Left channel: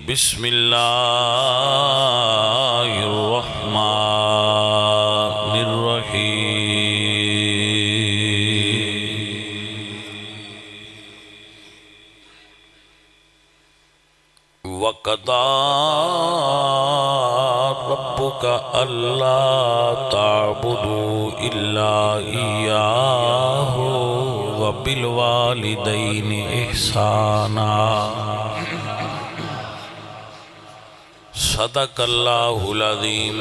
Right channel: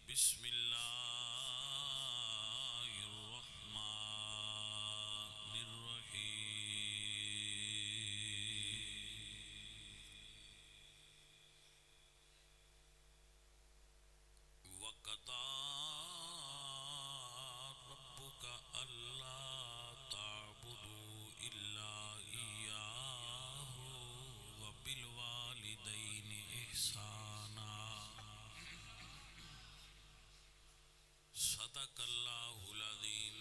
بسم اللہ الرحمن الرحیم وَقَضَىٰ رَبُّكَ أَلَّا تَعْبُدُوا إِلَّا إِيَّاهُ وَبِالْوَالِدَيْنِ إِحْسَانًا صدق اللہ العظیم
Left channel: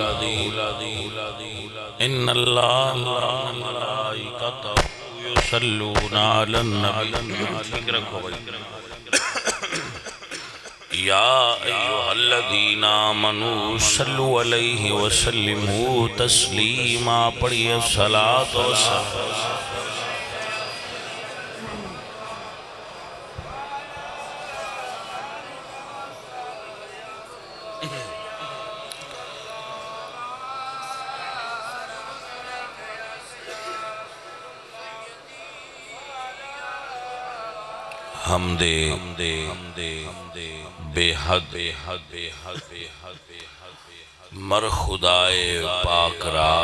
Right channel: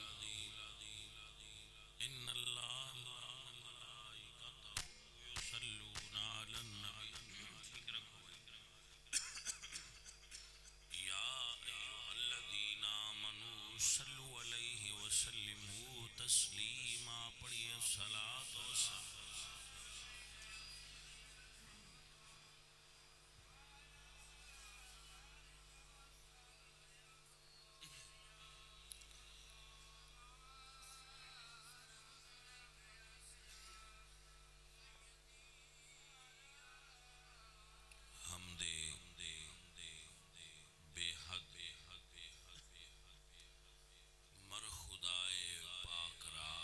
ان اللہ وملائکتہ یصلون علی النبی یا ایہا الذین آمنوا صلوا علیہ وسلموا تسلیما پڑھئے صلاۃ و سلام حمد بے حد مر خدائے پاک را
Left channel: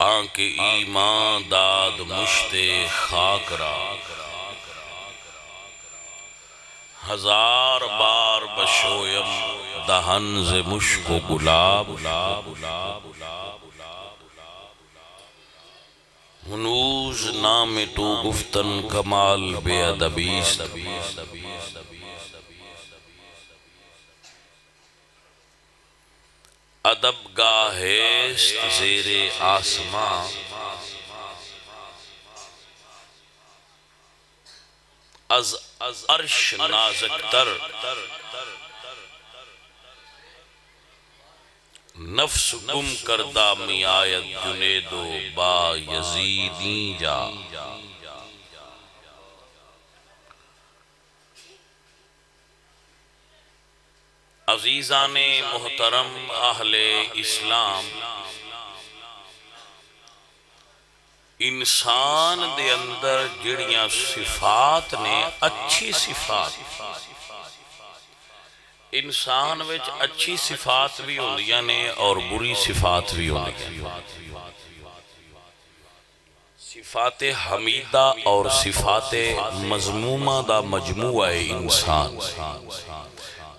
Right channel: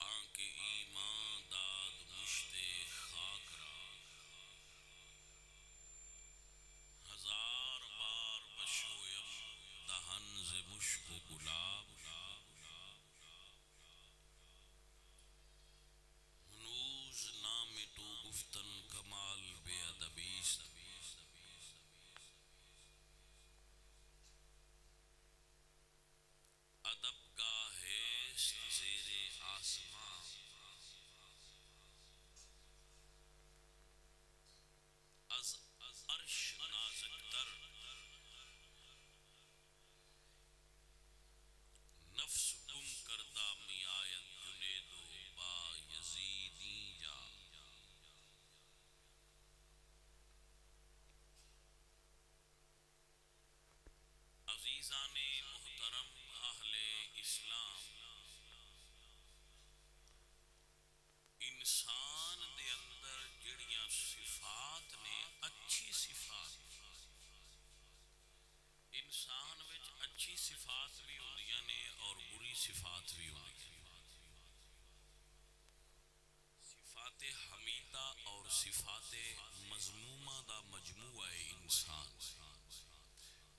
آنکھ ایمان داد مشت خاک را ہزار بار بشویم دہن ز مشک و گلاب ہنوز نام تو گفتن کمال بے ادبیست ادب گاہست زیر آسمان از عرش نازک تر نفس گم کردہ می آیت جنید و با یزیدین جا عزیزان محترم اہل اسلام انسان دے اندر جڑیاں صفات نے اچھی صفات انسان وچ اچھی صفات بھی ہوندیاں نے اور بری صفات بھی ہوندیاں صفات حمیدہ اور صفات مذمومہ دا مجموعہ ہے انسان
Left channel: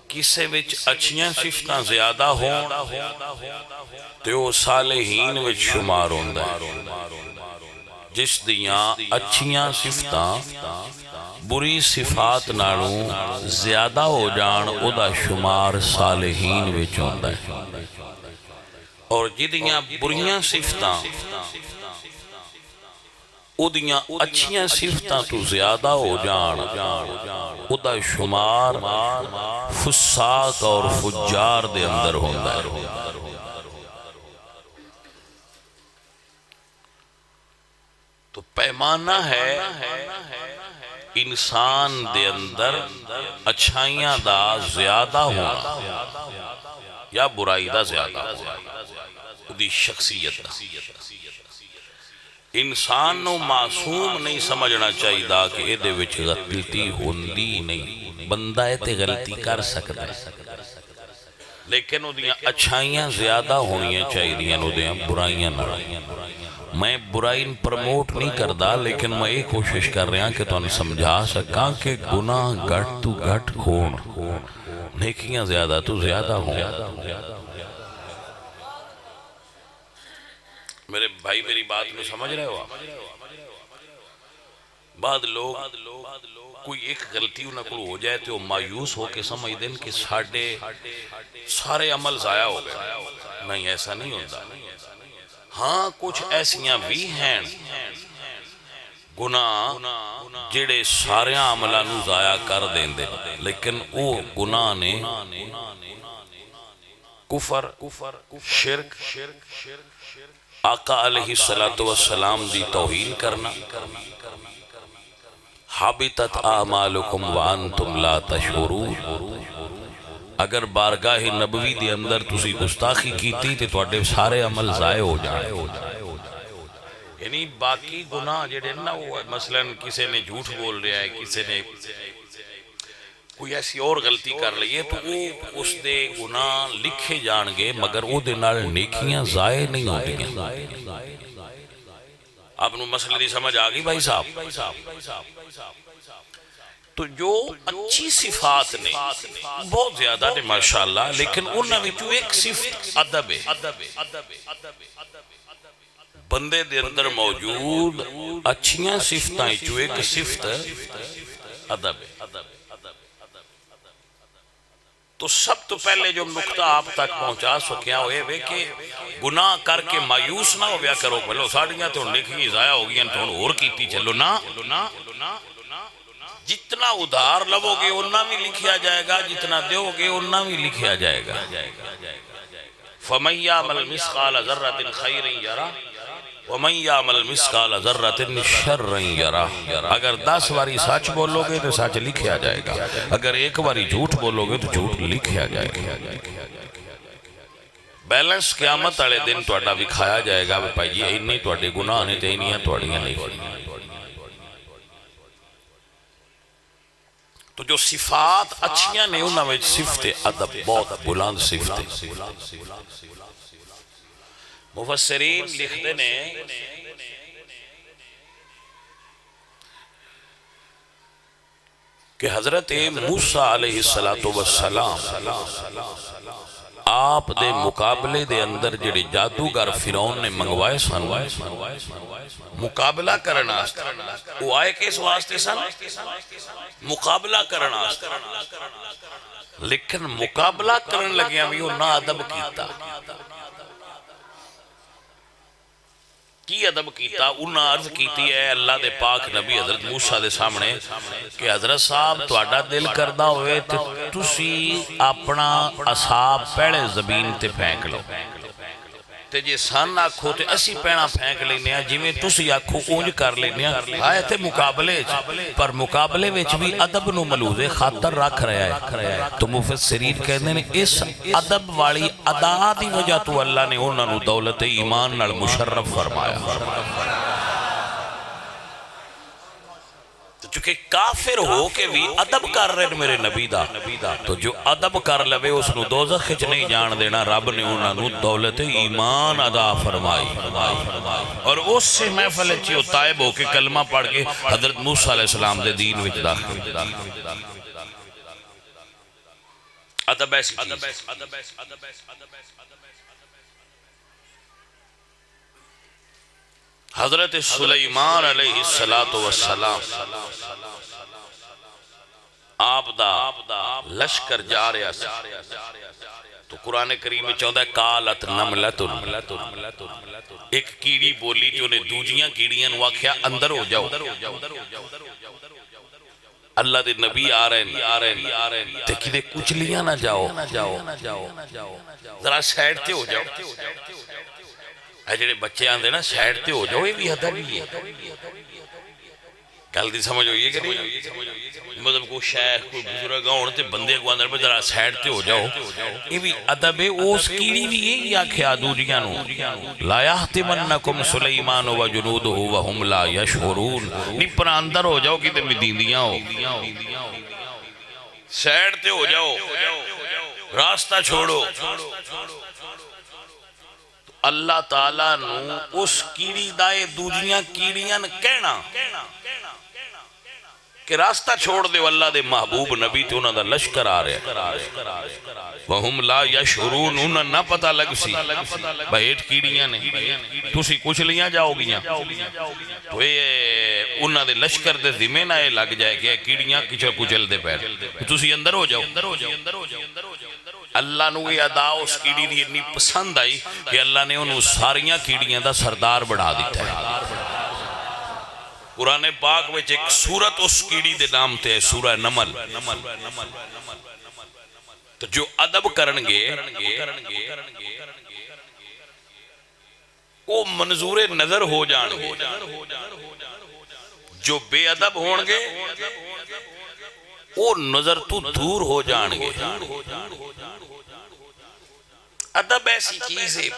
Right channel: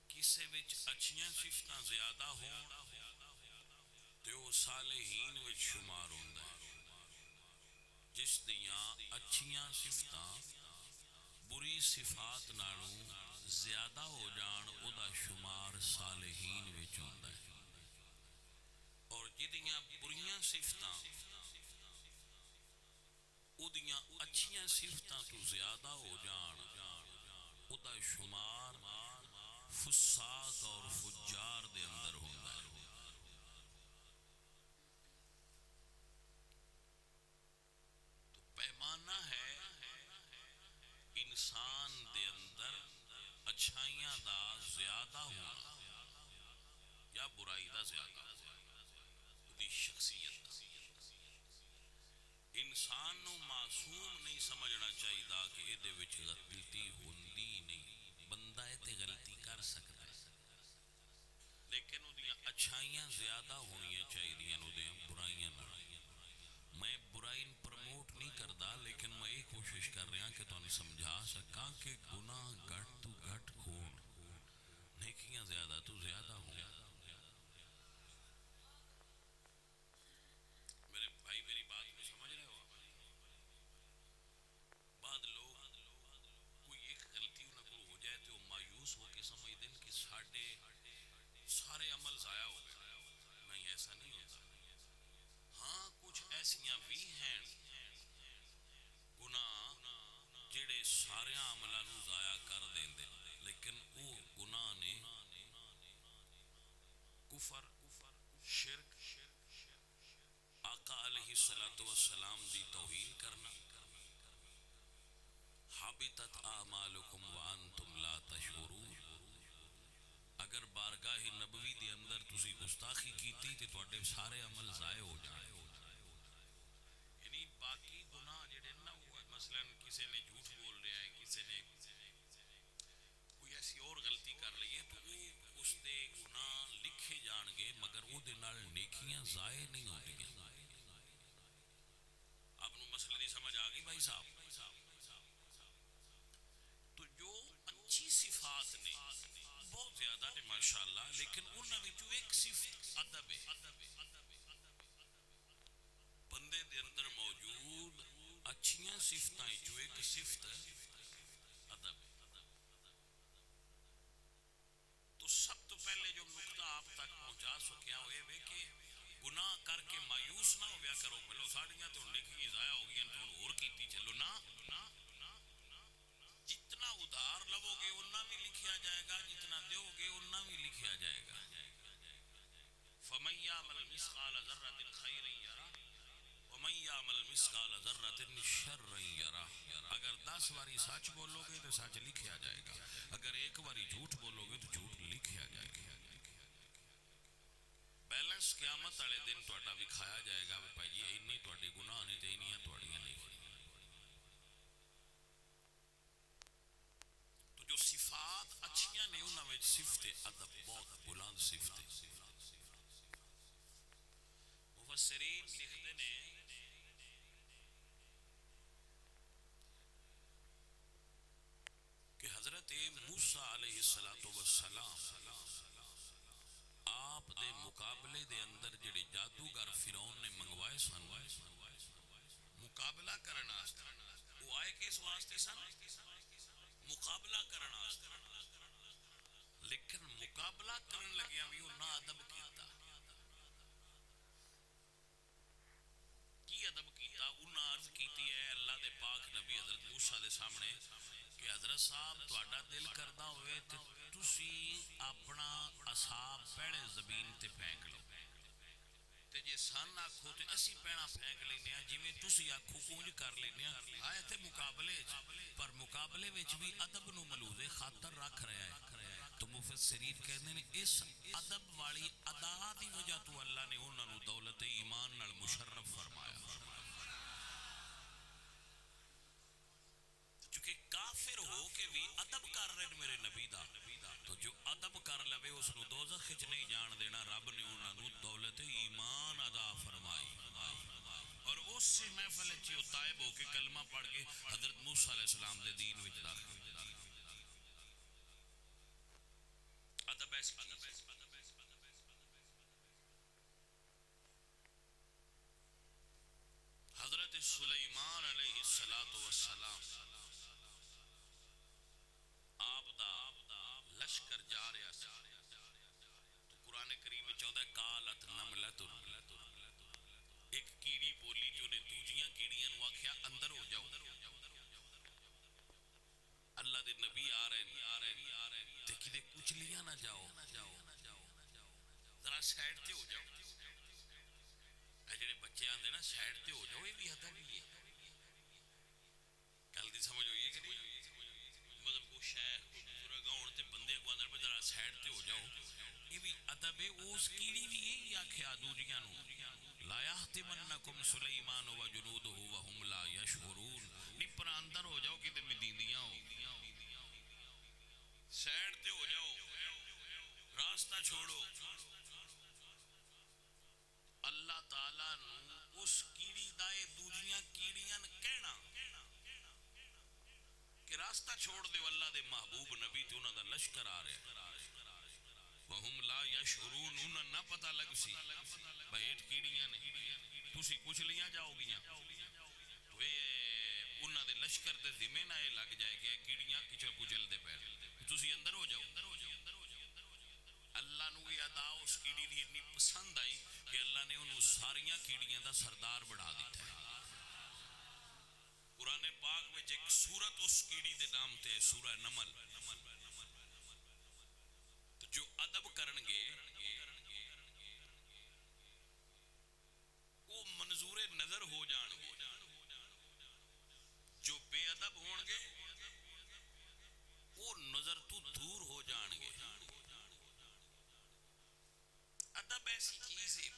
کسے وچ اچھیاں صفتاں زیادہ ہوں تو صالحین وچ شمار ہوندا ہے جس دیاں اچھیاں صفتاں بری صفات نالوں زیادہ ہو جان او دا شمار صالحین وچ ہوندا ہے اور جدیاں بریاں صفتاں او دیاں اچھیاں صفتاں تو زیادہ ہو جان او دا شمار فساق اور فجار دے اندر ہوندا ہے تو پیمانہ ہے انسان دے اندر اچھائیاں دا زیادہ ہونا یا برائی دا زیادہ ہونا دی شخصیت دا انسان نو معصوم نہیں سمجھنا چاہیے دا کہ اے دے وچ غلطی ہوندی نہیں بندہ ہے تے غلطی کر سکتا ہے لیکن او دیاں اچھائیاں زیادہ ہونیاں چاہیے دیاں او دیاں برائیاں نہ میں برائی پرموٹ نہیں کردہ لیکن میں ایک کوشش کر رہا کہ تو انہیں سمجھا سکاں کہ گناہ گھٹ تو گھٹ ہون نیکیاں زیادہ تو زیادہ ہوں میرے بھائی میری بات میں سمجھ رہے ہو بعد لوگ کوئی ایک غلطی انہوں کو ہو جائے تو مایوس ہو کے سمجھ دیں کہ سارے عمل ضائع ہو گئے نہیں ایسا نہیں ہوتا ہاں کچھ ایسیاں بھی ہیں گناہ جڑے سارے عملانو ضائع کر دیں دے لیکن او گناہ نے کفر شرک آقا علیہ السلام دی توہین کرنا حابطت اعمالکم وانتم لا تشعرون اگر بارگاہ نبوی دی اندر تسی گستاخی کیتی تے تواڈے سارے عمل ضائع ہو جائے یعنی باقی گناہ جڑے نا وہ مثلا کسی نے جھوٹ بول رہا ہے کسی نے کوئی ایسی اور غلطی کر لئے تو وہ اس دے گناہ لکھے جان گے مگر وہ دے نال نیکیاں ضائع نہیں ہوتی ہیں. آپ نے مسئلہ دی سمجھ آگئی بھائی صاحب؟ تو جو اچھی صفات نے بہت زیادہ نے ماشاءاللہ لیکن انہاں وچوں ایک صفت ادب ہے. بندے دے اندر موجود اچھیاں صفتاں وچوں ایک صفت ادب ہے. تو سب تو پہلے جو نقطہ آپ تک پہنچا سکیا ہوئے وے کہ گناہ کر کے مایوس نہ ہو بیا کرو بلو ساڑیاں تو نیکیاں ضائع ہو گئی تو اور کیتی چلو نا. جتنا ادھار لو گے اتنا بھی لکھیا جائے گا جتنا دیو گے اتنا بھی لکھیا جائے گا. فَمَن يَعْمَلْ مِثْقَالَ ذَرَّةٍ خَيْرٍ يَرَهُ وَمَن يَعْمَلْ مِثْقَالَ ذَرَّةٍ شَرًّا يَرَهُ. اگر 10 باری سچ بولو گے تو سچ لکھیا جائے گا اگر ایک باری جھوٹ بولو گے تو جھوٹ لکھیا جائے گا. بیلنس قیامت والے دن تہاڈا وکھایا جائے گا بھائی انہی تہاڈے گناہ نے تے انہیاں تہاڈیاں نہیں. تو جو صفات اچھیاں نے انہاں وچ صفت ادب بہت بلند صفت ہے. مفسرین لکھتے نے کہ حضرت موسیٰ علیہ السلام آپ دے مقابلے دے اندر جڑے جادوگر فرعون نے منگوائے سن مقابلہ کرنا وہ آئے کس واسطے سن مقابلہ کرنا لیکن مقابلہ کرن لگیاں بھی وہ نا ادب کیتا کی ادب کیتا انہاں عرض کیتی ہے اللہ دے پاک نبی حضرت موسیٰ دے سامنے کہ حضرت صاحب تواڈا دل کردہ ہوئے تے تسی اپنا اصحاب پہلے زمین تے پھینک لو تے جے سن آکھو تے اسی پینا پھینک لینے ہیں جویں تسی آکھو اونج کر لینے ہیں آئے تے مقابلے پر مقابلے وچ بھی ادب نو ملوز خاطر رکھ رہا ہے. تو مفسرین کہنے نے اس ادب والی ادا دی وجہ تو اللہ نے انہاں نو دولت ایمان نال مشرف فرمایا. چونکہ کافر ہو کے بھی ادب کر رہے میرے نبی دا تو جو ادب کر لوے اس نو دوزخ وچ نہیں جان دینا رب نے انہاں نو دولت ایمان عطا فرمائی. اور اس سے محفل چیو طائب ہو کے کلمہ پڑھ کے حضرت موسیٰ علیہ السلام دے دین وچ داخل. ادب ایسی چیز حضرت سلیمان علیہ السلام آپ دا لشکر جا رہا تو قرآن کریم میں چاہتا ہے کالت نملت ایک کیڑی بولی جو نے دوجیاں کیڑیاں واقعہ اندر ہو جاؤ اللہ دے نبی آ رہے ہیں تے کدے کچلیاں نہ جاؤ ذرا سائڈ تے ہو جاؤ اے جڑے بچے آندے نا سائڈ تے ہو جاؤ یہ بھی ادب ہی ہے گل دی سمجھ ہوئی ہے کہ نہیں مطلب کوئی شیخ کوئی بزرگ ہون تے بندے کو اندر ذرا سائڈ تے ہو جاؤ یہ بھی ادب ہے اس کیڑی بھی یہی آکھیا دوجیاں نو لا یحتمنکم سلیمان و جنودہ وہم لا یشعرون نہیں پر اندر ہو جاؤ کتے میں دیندیاں ہو سائڈ تے ہو جاؤ راستہ چھوڑو. اللہ تعالیٰ نو اس کیڑی دائے دوجیاں کیڑیاں کہنا کہ راستہ چھوڑ دے اللہ دے محبوب نبی تے انہاں دا لشکر آ رہے وہم لا یشعرون انہاں نہ پتہ لگ سی بھائیٹ کیڑیاں نے تسی کچھ لیاں جاؤ گیاں تو انہاں دے لشکر دے ذمہ نہ لگ جائے کہ کیڑیاں کچھ کچل دے پیر تسی اندر ہو جاؤ. اللہ نو یہ ادا اس کیڑی دی اتنی پسند آئی کہ اللہ نے انہوں ساریاں کیڑیاں دا سردار بڑھا دیتا ہے. قرآن پاک میں ایک سورت اس کیڑی دے نام تے سورہ نمل تو جو ادب کرنگے وہ منظور نظر ہو جانگے جو بے ادب ہونگے وہ نظر تو دور ہو جانگے. ادب ایسی چیز ہے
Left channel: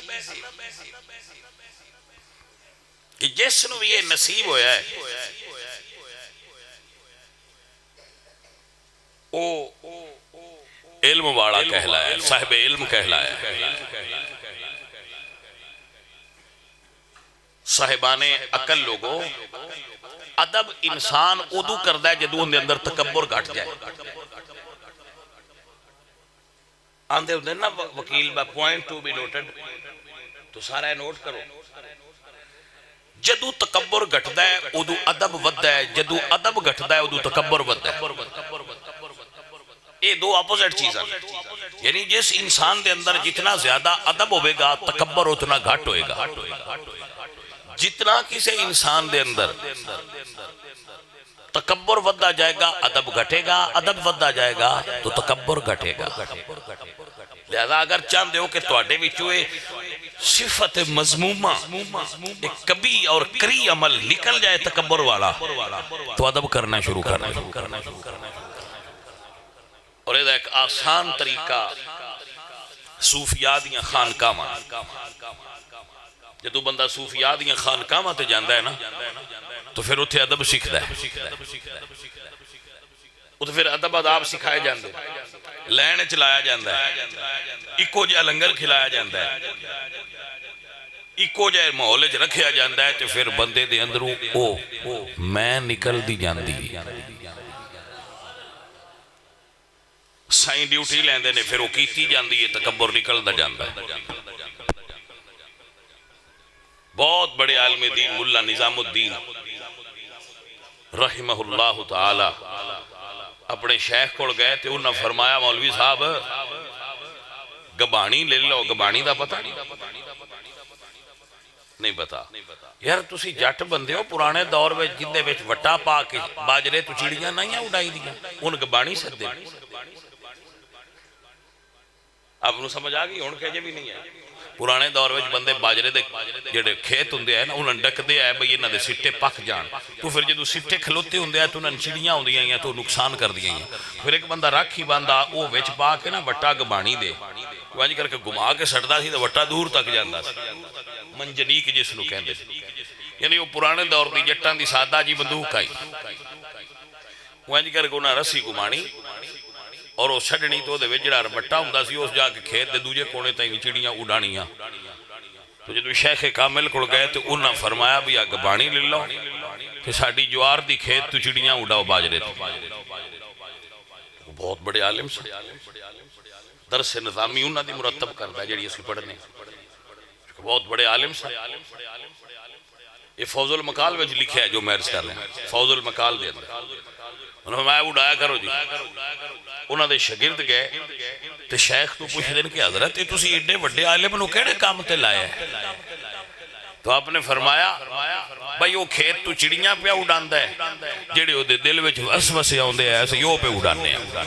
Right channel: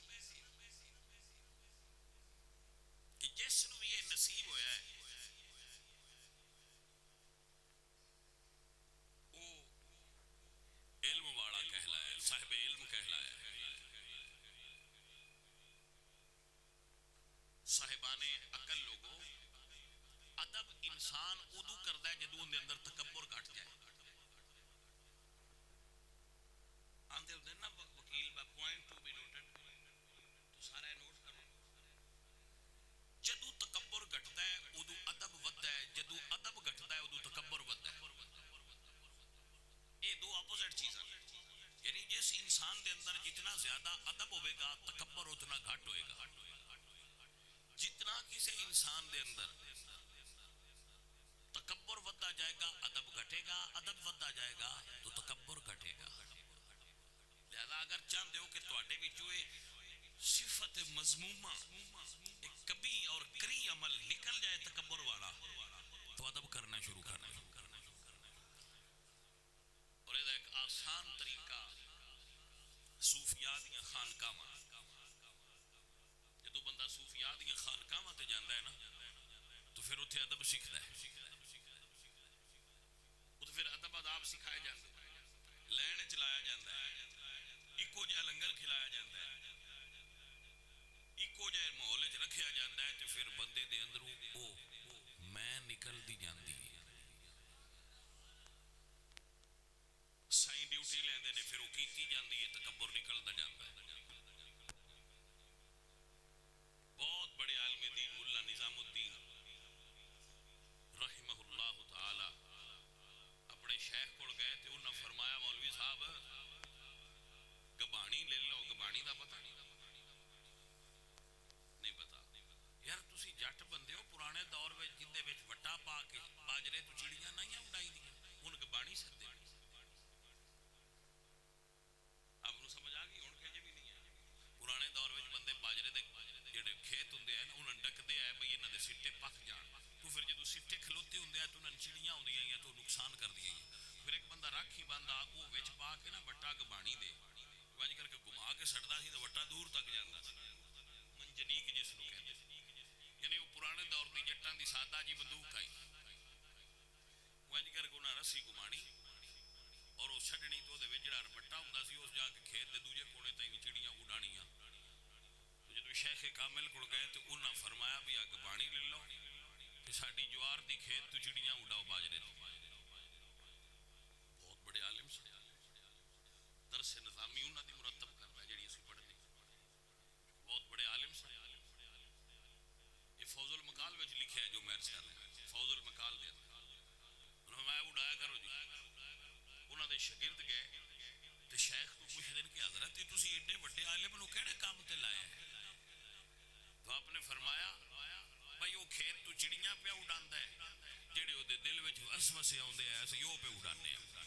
کہ جس نو یہ نصیب ہویا ہے او علم والا کہلایا، صاحب علم کہلایا۔ صاحبان عقل لوگو، ادب انسان ادو کردا ہے جدوں اندے اندر تکبر گھٹ جائے۔ آندے ہوندے نا وکیل با پوائنٹ ٹو بی نوٹڈ، تو سارا نوٹ کرو۔ جدو تکبر گھٹدا ہے ادو ادب وددا ہے، جدو ادب گھٹدا ہے ادو تکبر وددا ہے۔ یہ دو اپوزٹ چیزاں، یعنی جس انسان دے اندر جتنا زیادہ ادب ہوئے گا تکبر اتنا گھٹ ہوئے گا۔ جتنا کسی انسان دے اندر تکبر وددا جائے گا ادب گھٹے گا، ادب وددا جائے گا تو تکبر گھٹے گا۔ لہذا اگر چاہتے ہو کہ تواڈے وچوں صفت مذمومہ ایک کبھی اور کری عمل نکل جائے تکبر والا، تو ادب کرنا شروع کرنا۔ اور یہ ایک آسان طریقہ صوفیاء دیاں خانقاہاں، جدو بندہ صوفیاء دیاں خانقاہاں تے جاندا ہے نا تو پھر اتھے ادب سیکھدا ہے، اتھے پھر ادب آداب سکھائے جاندے، لین چلایا جاندا ہے، اکو جہا لنگر کھلایا جاندا ہے، اکو جہے ماحول وچ رکھیا جاندا ہے، تو پھر بندے دے اندروں او میں نکل دی جاندی۔ سائیں ڈیوٹی لیندے نے پھر وہ کیتی جاندی ہے، تکبر نکل دا جاندا ہے۔ بہت بڑے عالم دین ملا نظام الدین رحمہ اللہ تعالی اپنے شیخ کو گئے تھے، انہوں نے فرمایا مولوی صاحب گبانی لے لو۔ گبانی دا پتہ نہیں پتا یار، تسی جٹ بندے ہو، پرانے دور میں جندے وچ وٹا پا کے باجرے تو چڑیاں نہیں اڑائی دیا، ان گبانی سکتے۔ آپ نو سمجھ آگئی ہون کہجے بھی نہیں ہے۔ پرانے دور میں بندے باجرے دے جڑے کھیت ہوندے ہیں نا انہاں ڈک دے ہے بھئی انہاں دے سٹے پک جان، تو پھر جدو سٹے کھلوتے ہوندے ہیں تو انہاں چڑیاں ہوندیاں ہیں تو نقصان کر دیاں ہیں۔ پھر ایک بندہ راکھی باندھا او وچ پا کے نا وٹا گبانی دے، وانج کر کے گما کے سٹدا سی تے وٹا دور تک جاندا سی، منجنیک جس نو کہندے سی۔ یعنی وہ پرانے دور دی جٹاں دی سادہ جی بندوق آئی، وانج کر کے انہاں رسی گمانی اور وہ چھڑنی تو دے وجڑا ربٹا ہوندا سی، اس جا کے کھیت دے دوجے کونے تائیں چڑیاں اڑانیاں۔ تو جدو شیخ کامل کو گئے تو انہاں فرمایا بھی آ گبانی لے لو کہ ساڑی جوار دی کھیت تو چڑیاں اڑاؤ باجرے تھے۔ بہت بڑے عالم سے درس نظامی انہاں دی مرتب کرتا ہے جڑی اسی پڑھنے، بہت بڑے عالم سے۔ یہ فوز المقال وچ لکھیا ہے جو میں عرض کر رہے ہیں، فوز المقال دے اندر انہوں نے فرمایا اڑایا کرو جی۔ انہوں نے شاگرد گئے تو شیخ تو پوچھ دین کہ حضرت یہ تسی ایڈے وڈے عالم نو کیڑے کام تے لائے ہیں؟ تو آپ نے فرمایا بھائی وہ کھیت تو چڑیاں پہ اڑاندا ہے، جڑے او دے دل وچ وسوسے اوندے ہیں ایسے یو پہ اڑانے ہیں،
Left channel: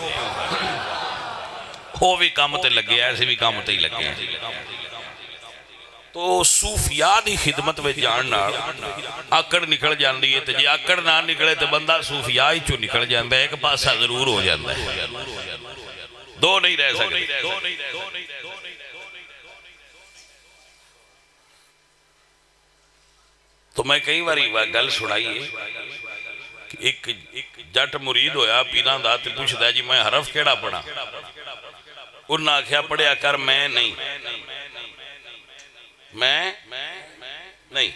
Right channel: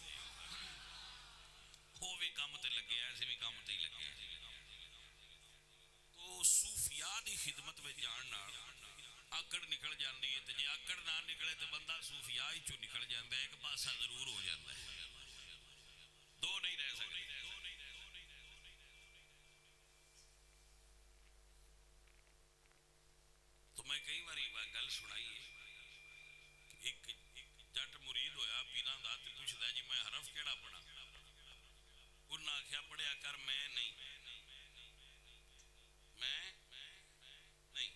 وہ بھی کام تے لگے ایسے بھی کام تے ہی لگے ہیں۔ تو صوفیاء دی خدمت میں جان نال آکڑ نکل جاندی ہے، تے جے آکڑ نہ نکلے تے بندہ صوفیاء ہی چوں نکل جاندا ہے، ایک پاسا ضرور ہو جاندا ہے، دو نہیں رہ سکتے۔ تو میں کئی باری گل سنائی ہے کہ ایک جٹ مرید ہویا پیراں دا تے پوچھدا جی میں حرف کیڑا پڑھا؟ انہاں آکھیا پڑھیا کر میں نہیں، میں نہیں۔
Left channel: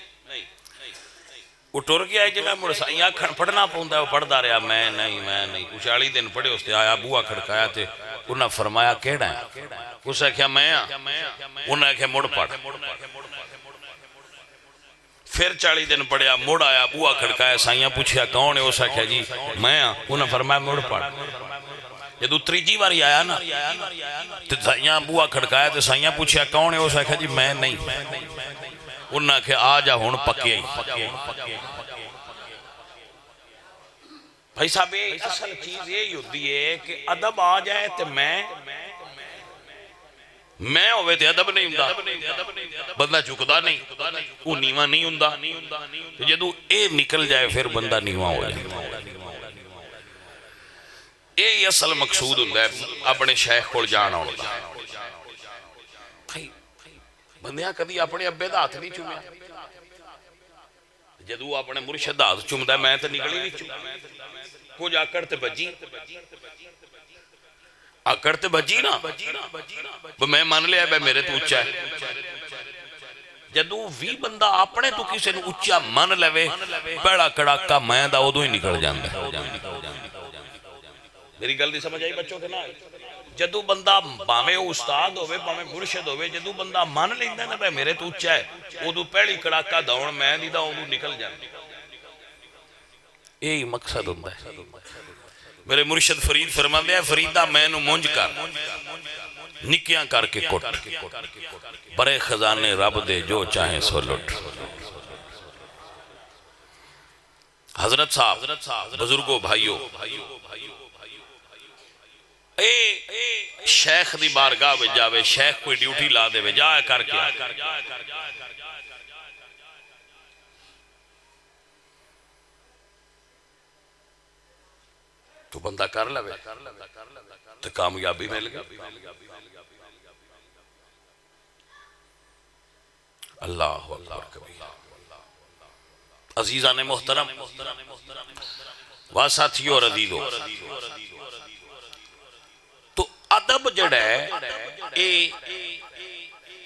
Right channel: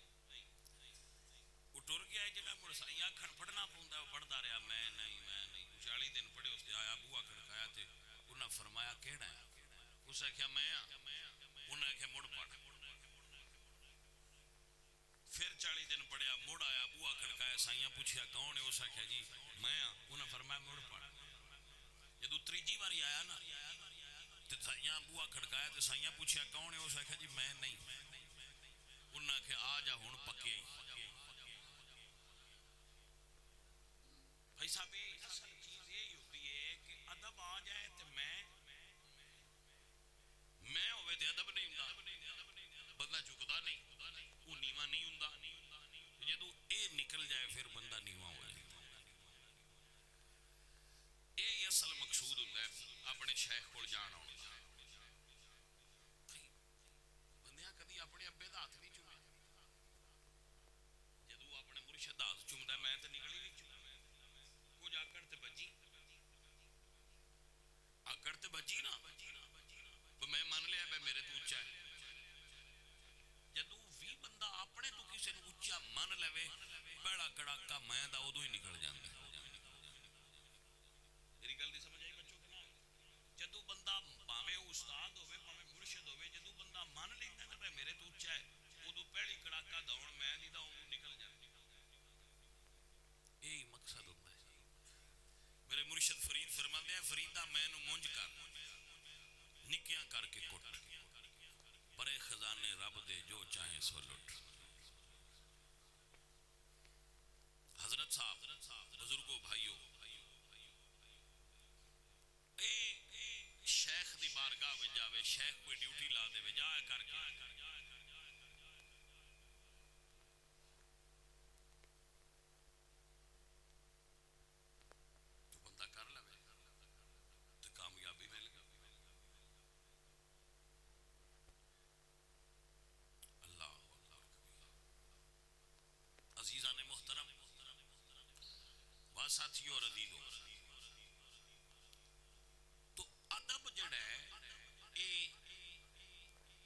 وہ ٹر گیا ہے جگہ مڑ سائیں آکھن پڑھنا پوندا ہے، وہ پڑھدا رہا میں نہیں۔ 40 دن پڑھے اس تے آیا بوہا کھڑکایا تے انہاں فرمایا کیڑا ہے؟ اس آکھیا میں ہاں، انہاں آکھیا مڑ پڑھ۔ پھر 40 دن پڑھیا، مڑ آیا بوہا کھڑکایا، سائیاں پوچھیا کون ہے؟ اس آکھیا جی میں ہاں، انہاں فرمایا مڑ پڑھ۔ جدو تریجی باری آیا نا تو سائیاں بوہا کھڑکایا تو سائیاں پوچھیا کون ہے؟ اس آکھیا جی میں نہیں۔ انہاں آکھیا آ جا ہن پکیا ہی۔ بھائی صاحب اصل چیز یہی ہوتی ہے کہ ادب آ جائے تو میں ہوئے تے ادب نہیں ہوندا، بندہ چکدا نہیں، وہ نیواں نہیں ہوندا، جدو اے نکل جائے پھر بندہ نیواں ہو جائے۔ یہ اصل مقصود ہوندا ہے اپنے شیخ کول جان آن دا۔ بندیاں کدی اپنے ابے دا ہاتھ نہیں چومیا، جدو اپنے مرشد دا ہاتھ چومدا ہے میں تے نکلی نہیں چوم، کچھ آکڑ تے بجی آکڑ تے بجی نا میں مان لیا بے میرے تو اچھا ہے جدو وی بندہ اپنے تو کسی نے اچھا من لے پیڑا کڑاکا میں دا ادو ہی نکل جاندہ میری گل نہیں سمجھ آئی بچوں کے نا جدو بندہ باویں استاد ہوئے باویں مرشد ہوئے جدو بندہ من لیندہ نا بے میرے تو اچھا ہے ادو پیڑی کڑاکا دوڑ میں نہیں دا ادو نکل جاندہ یہی مقصد ہوندہ ہے میرے مرشد فرید فرماندے ہیں فریدہ میں نو مونج کر نکیاں کر کے کٹ برے خزانے رب دے جو چاہیں سو لٹ حضرت صاحب بزرگوں بھائیوں شیخ دی بارگاہ میں جاوے شیخ کوئی ڈیوٹی لا دے وے جائے کر کے تو بندہ کر لے تو کامیابی مل گئی اللہ اکبر کبھی عزیزان محترم واساتھیوں اور عزیزوں تو ادب جڑا ہے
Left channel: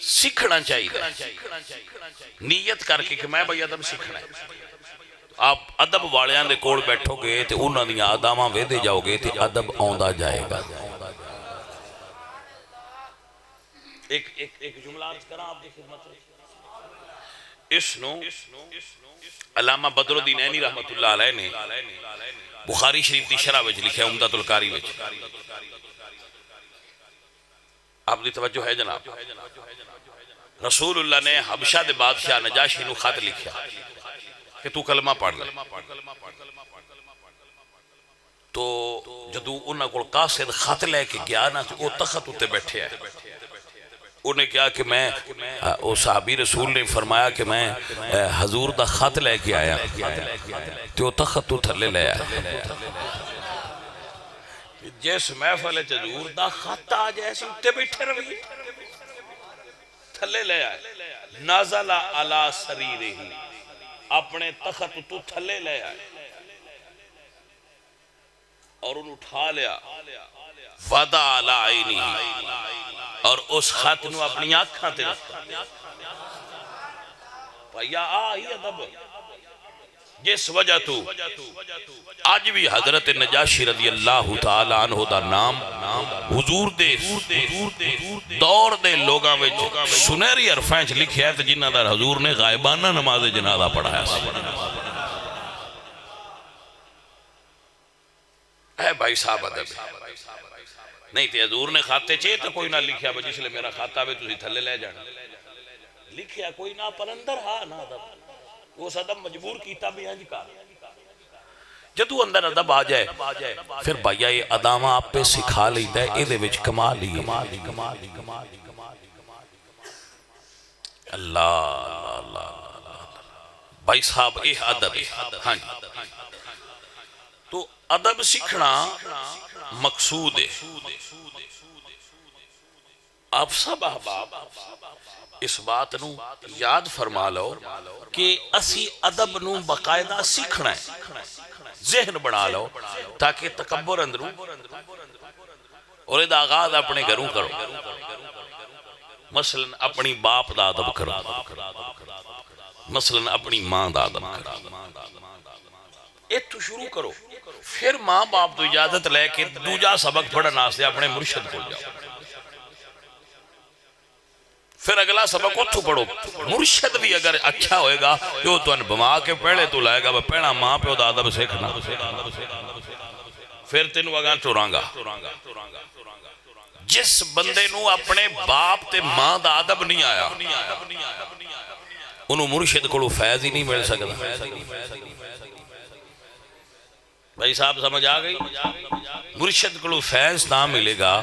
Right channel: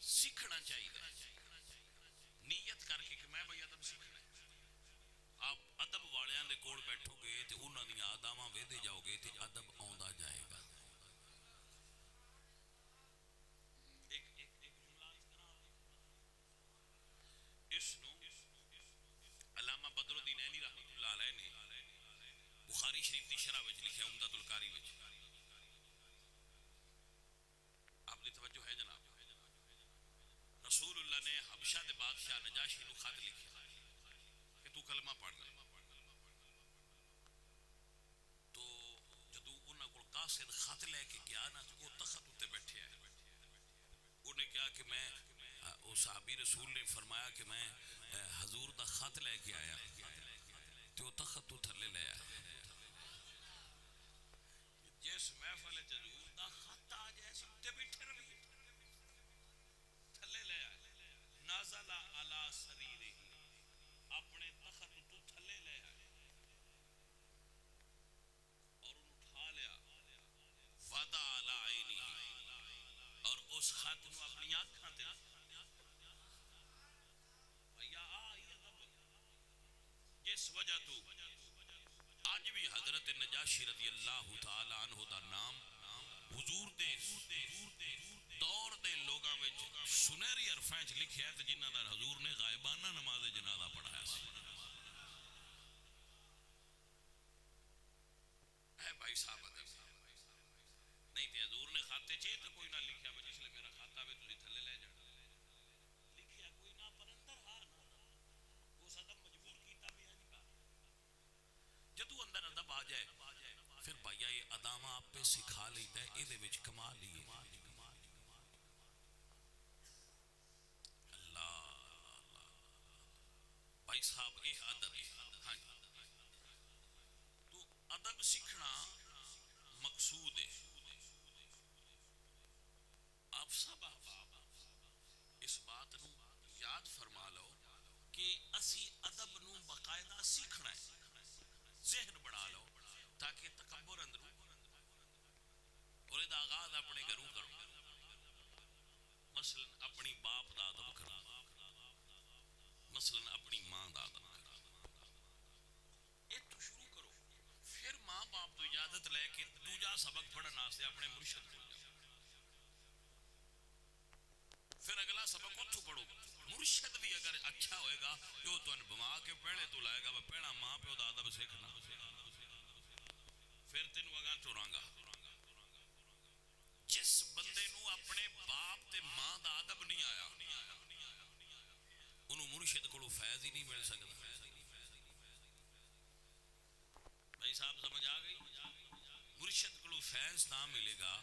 سیکھنا چاہیے نیت کر کے کہ میں بھئی ادب سیکھنا ہے آپ ادب والیاں دے کوڑ بیٹھو گے تے انہاں دیاں اداماں ویدے جاؤ گے تے ادب آندا جائے گا ایک جملہ عرض کرا آپ دی خدمت اس نو علامہ بدر الدین عینی رحمت اللہ علیہ نے بخاری شریف دی شرح وچ لکھا ہے عمدۃ القاری وچ آپ دی توجہ ہے جناب رسول اللہ نے حبشہ دے بادشاہ نجاشی نو خط لکھا کہ تو کلمہ پڑھ لے تو جدو انہاں کو قاصد خط لے کے گیا نا تو وہ تخت اتے بیٹھے ہیں انہیں کہا کہ میں صحابی رسول نے فرمایا کہ میں حضور دا خط لے کے آیا تو تخت تو تھلے لے آیا جیس محفل حضور دا خط آ جیسے اتے بیٹھے روی تھلے لے آئے نازل علی سریرہی اپنے تخت تو تھلے لے آئے اور انہوں اٹھا لیا وَدَا عَلَىٰ عَيْنِهِ اور اس خط نو اپنی آنکھاں تے رکھا بھائیا آئی ادب جس وجہ تو آج بھی حضرت نجاشی رضی اللہ تعالیٰ عنہ دا نام حضور دے دور دے لوگاں میں سنہری عرفائنچ لکھیا ہے تو جنہ دار حضور نے غائبانہ نماز جنازہ پڑھایا اے بھائی صاحب ادب نہیں تے حضور نے خاتے چاہے تو کوئی نہ لکھیا جس لئے میرا خاتہ بھی تُسی تھلے لے جانا لکھیا کوئی نہ پر اندر ہاں نہ ادب وہ صدم مجبور کیتا بھی ہنج کا جدو اندر ادب آ جائے پھر بھائیہ یہ ادامہ آپ پہ سکھا لیتا ہے اے دے وچ کمال ہی اللہ بھائی صاحب اے ادب ہاں تو ادب سیکھنا مقصود ہے آپ سب احباب اس بات نو یاد فرما لو کہ اسی ادب نو باقاعدہ سیکھنا ہے ذہن بنا لو تاکہ تکبر اندروں اور ادا آغاز اپنے گھروں کرو مثلا اپنی باپ دا ادب کرو مثلا اپنی ماں دا ادب کرو ایک تو شروع کرو پھر ماں باپ تو اجازت لے کے دوجا سبق پڑھنا سے اپنے مرشد کو جاؤ پھر اگلا سبق اتھو پڑھو مرشد بھی اگر اچھا ہوئے گا تو ان بما کے پہلے تو لائے گا پہنا ماں پہ دا ادب سیکھنا پھر تینوں اگاں چورانگا جس بندے نو اپنے باپ تے ماں دا ادب نہیں آیا انہوں مرشد کو فیض ہی نہیں مل سکتا بھائی صاحب سمجھ آ گئی مرشد کو فیض نہ ملے گا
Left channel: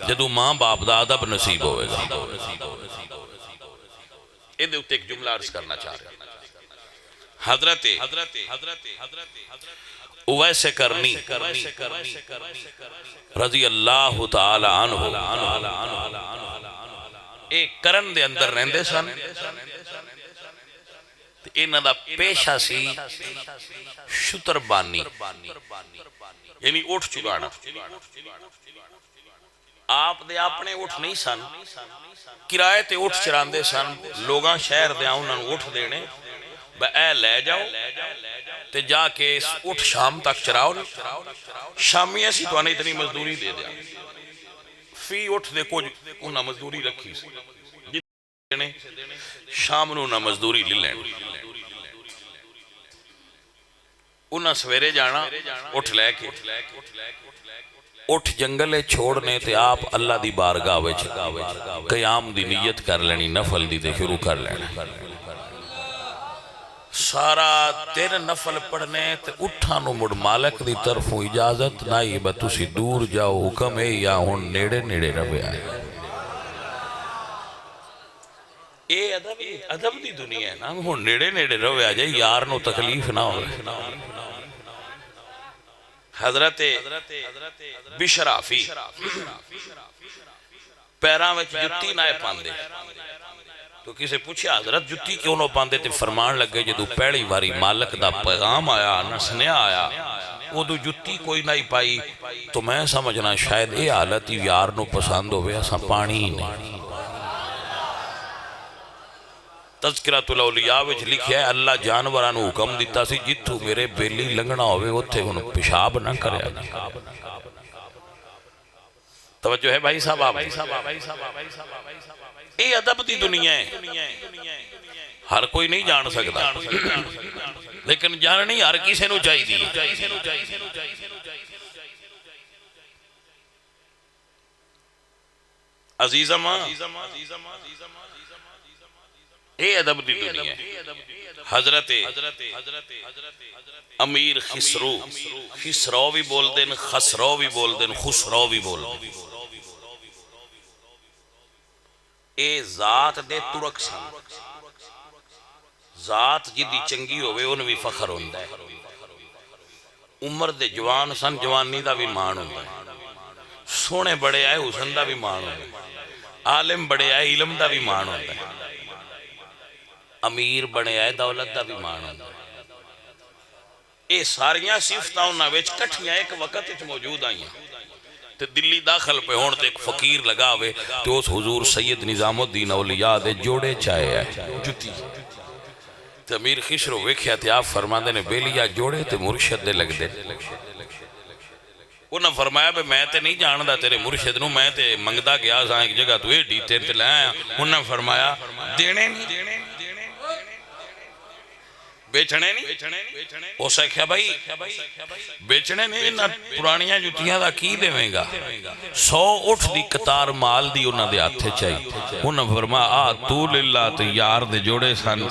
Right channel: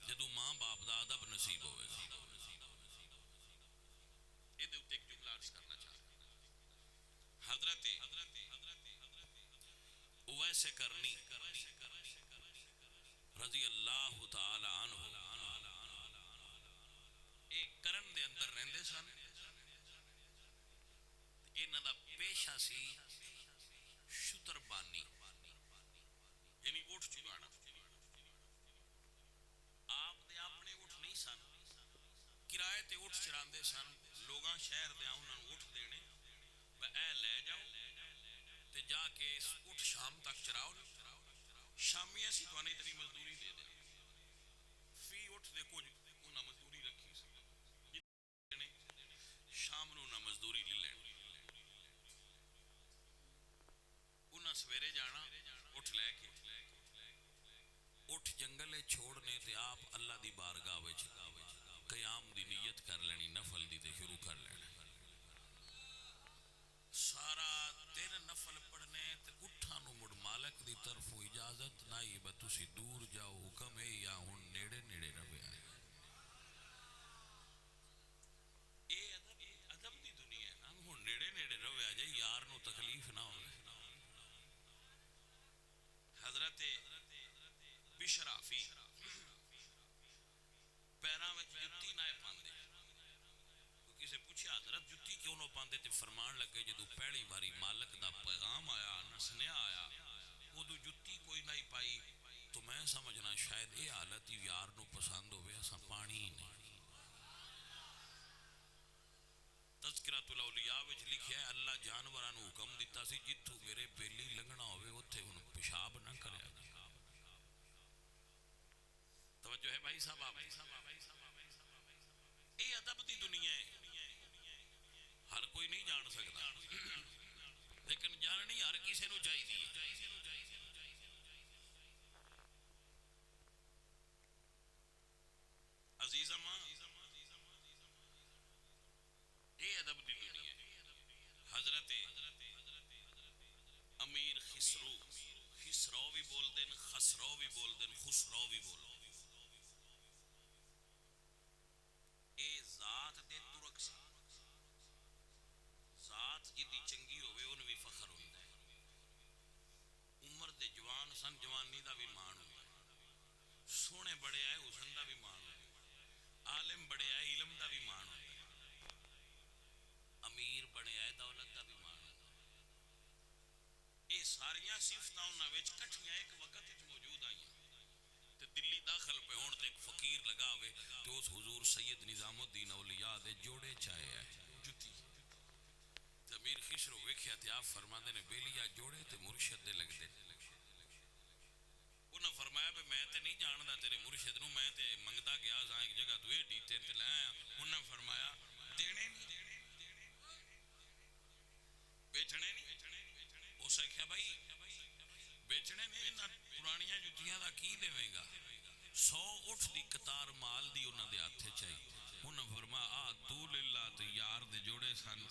جدو ماں باپ دا ادب نصیب ہوئے گا یہ دے اتے ایک جملہ عرض کرنا چاہ رہے حضرت اویس کرنی رضی اللہ تعالی عنہ ایک کرن دے اندر رہندے سن انہاں دا پیشہ سی شتربانی یعنی اٹھ چگانا آپ دے اپنے اٹھ نہیں سن کرائے تے اٹھ چراندے سن لوگاں شہر دے انہاں نوں اٹھ دینے بے اے لے جاؤ تے جا کے اٹھ شام تک چراؤ شامی ایسی تو اتنی مزدوری دے دیا فی اٹھ دے کچھ انہاں مزدوری رکھی سی شام نو نہ مزدوری لے لین انہاں سویرے جانا اٹھ لے کے اٹھ جنگلے چھوڑنے تے آپ اللہ دی بارگاہ وچ قیام دی نیت کر لینی نفل دی تے شروع کر لینا سارا دن نفل پڑھنے تے اٹھا نو مڑ مالک دی طرفوں اجازت نائی بتوسی دور جاؤ حکم ہے یا ہون نیڑے نیڑے روے آئے اے ادب دی دنیا ہے نا ہون نیڑے نیڑے روے آ جائے یار نو تکلیف نہ ہو حضرت بشرافی پیران وچ جتی نہ پاندے تو کسے پوچھے حضرت جتی کیوں نہ پاندے تے فرمان لگے جدو پہلی واری مالک دا پیغام آیا نسنیا آیا وہ دو جتی کوئی نہ پائی تو میں سمجھنا شاید اے حالت یار نو پسند ہوئے ایسا پانی ہی نہیں تذکرۃ الاولیاء وچ لکھیا ہے اللہ جانورانو حکم دیتا سی جتھو میرے بیلی لنگنا ہوئے اتھے انہوں پیشاب نہ کرے توجہ ہے بھائی صاحب آپ اے ادب دی دنیا ہے ہر کوئی نہیں جان سکتا لیکن جاننی ہر کسی نو چاہی دی عزیزہ ماں اے ادب دی دنیا ہے حضرت امیر خسرو بھی بول دیں خسرو بھی بول دیں خسرو بھی بول دیں اے ذات دے ترک سن ذات جدی چنگی ہوئے ان بھی فخر ہوندہ ہے عمر دے جوان سن جوانی دا بھی مان ہوندہ ہے سونے بڑے آئے حسن دا بھی مان ہوندہ ہے عالم بڑے آئے علم دا بھی مان ہوندہ ہے امیر بڑے آئے دولت دا بھی مان ہوندہ ہے اے ساریاں صفتاں انہاں وچ کٹھیاں ایک وقت وچ موجود آئیں تے دلی داخل پہ ہون تے ایک فقیر لگا ہوئے تے اس حضور سید نظام الدین اولیاء دے جوڑے چاہے آئے جتی تے امیر خسرو ویکھیا تے آپ فرماندے نے بیلیا جوڑے تے مرشد دے لگ دے انہاں فرمایا بے میں تے نہیں جاندہ تیرے مرشد نو میں تے منگدہ گیا ساں ایک جگہ تو اے ڈیتے تے لے آیا انہاں فرمایا دینے نہیں بیچنے نہیں ہو سکھیا بھائی بیچنے نہیں انہاں پرانیاں جتیاں دا کی دے میں گا 100 اٹھ دی قطار مال دی انہاں دے آتھے چاہی انہاں فرمایا آ تو للہ تو یار دے جوڑے سان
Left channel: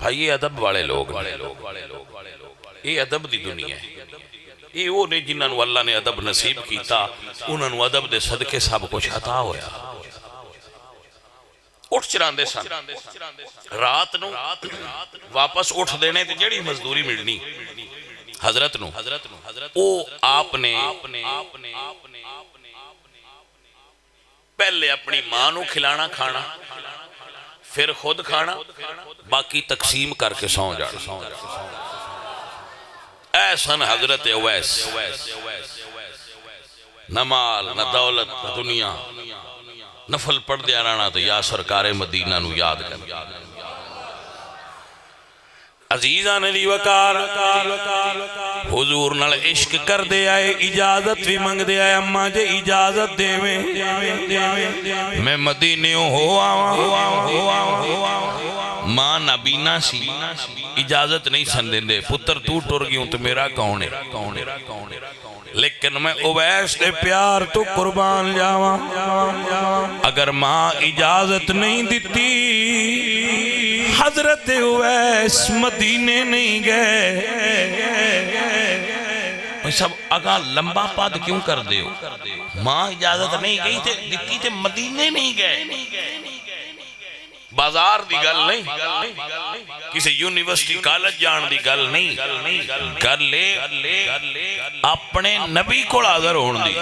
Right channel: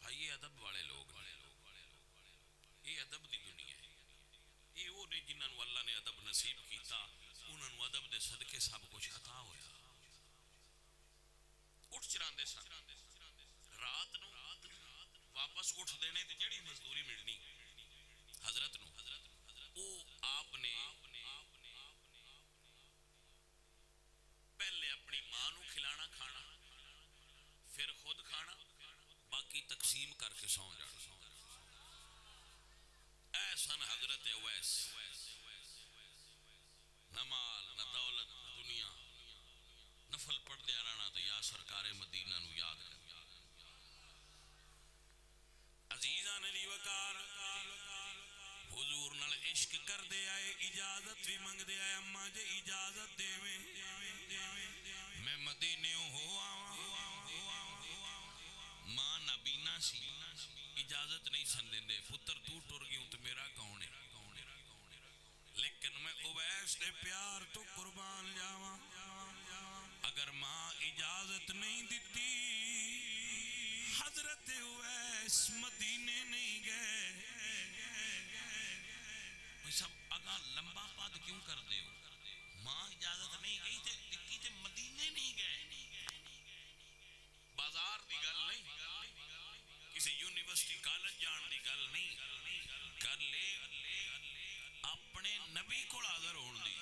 بھائی یہ ادب والے لوگ یہ ادب دی دنیا ہے یہ وہ نہیں جنہاں نو اللہ نے ادب نصیب کیتا انہاں نو ادب دے صدقے سب کچھ عطا ہویا اٹھ چراندے سن رات نو واپس اٹھ دینے تے جڑی مزدوری ملنی حضرت نو او آپ نے پہلے اپنی ماں نو کھلانا کھانا پھر خود کھانا باقی تقسیم کر کے سو جانا ایسن حضرت اویس نہ مال نہ دولت نہ دنیا نفل پڑھ دیا رانا تو یا سرکار مدینہ نو یاد کر عزیزان دی وقار حضور نال عشق کر دے آئے اجازت بھی منگ دے آئے اماں جے اجازت دے میں مدینیوں ہو ماں نبینا سی اجازت نہیں سن دیں دے پتر تو ٹر گیوں تو میرا کون ہے لیکن میں اویس دے پیار تو قربان جاواں اگر ماں اجازت نہیں دیتی حضرت اویس مدینے نہیں گئے سب اگا لمبا پاد کیوں کر دے ہو ماں اجازت نہیں گئی تے دیتی تے مدینے نہیں گئے بازار دی گل نہیں کسی یونیورسٹی کالج جان دی گل نہیں کر لے اپنے نبی کو حاضر ہون دی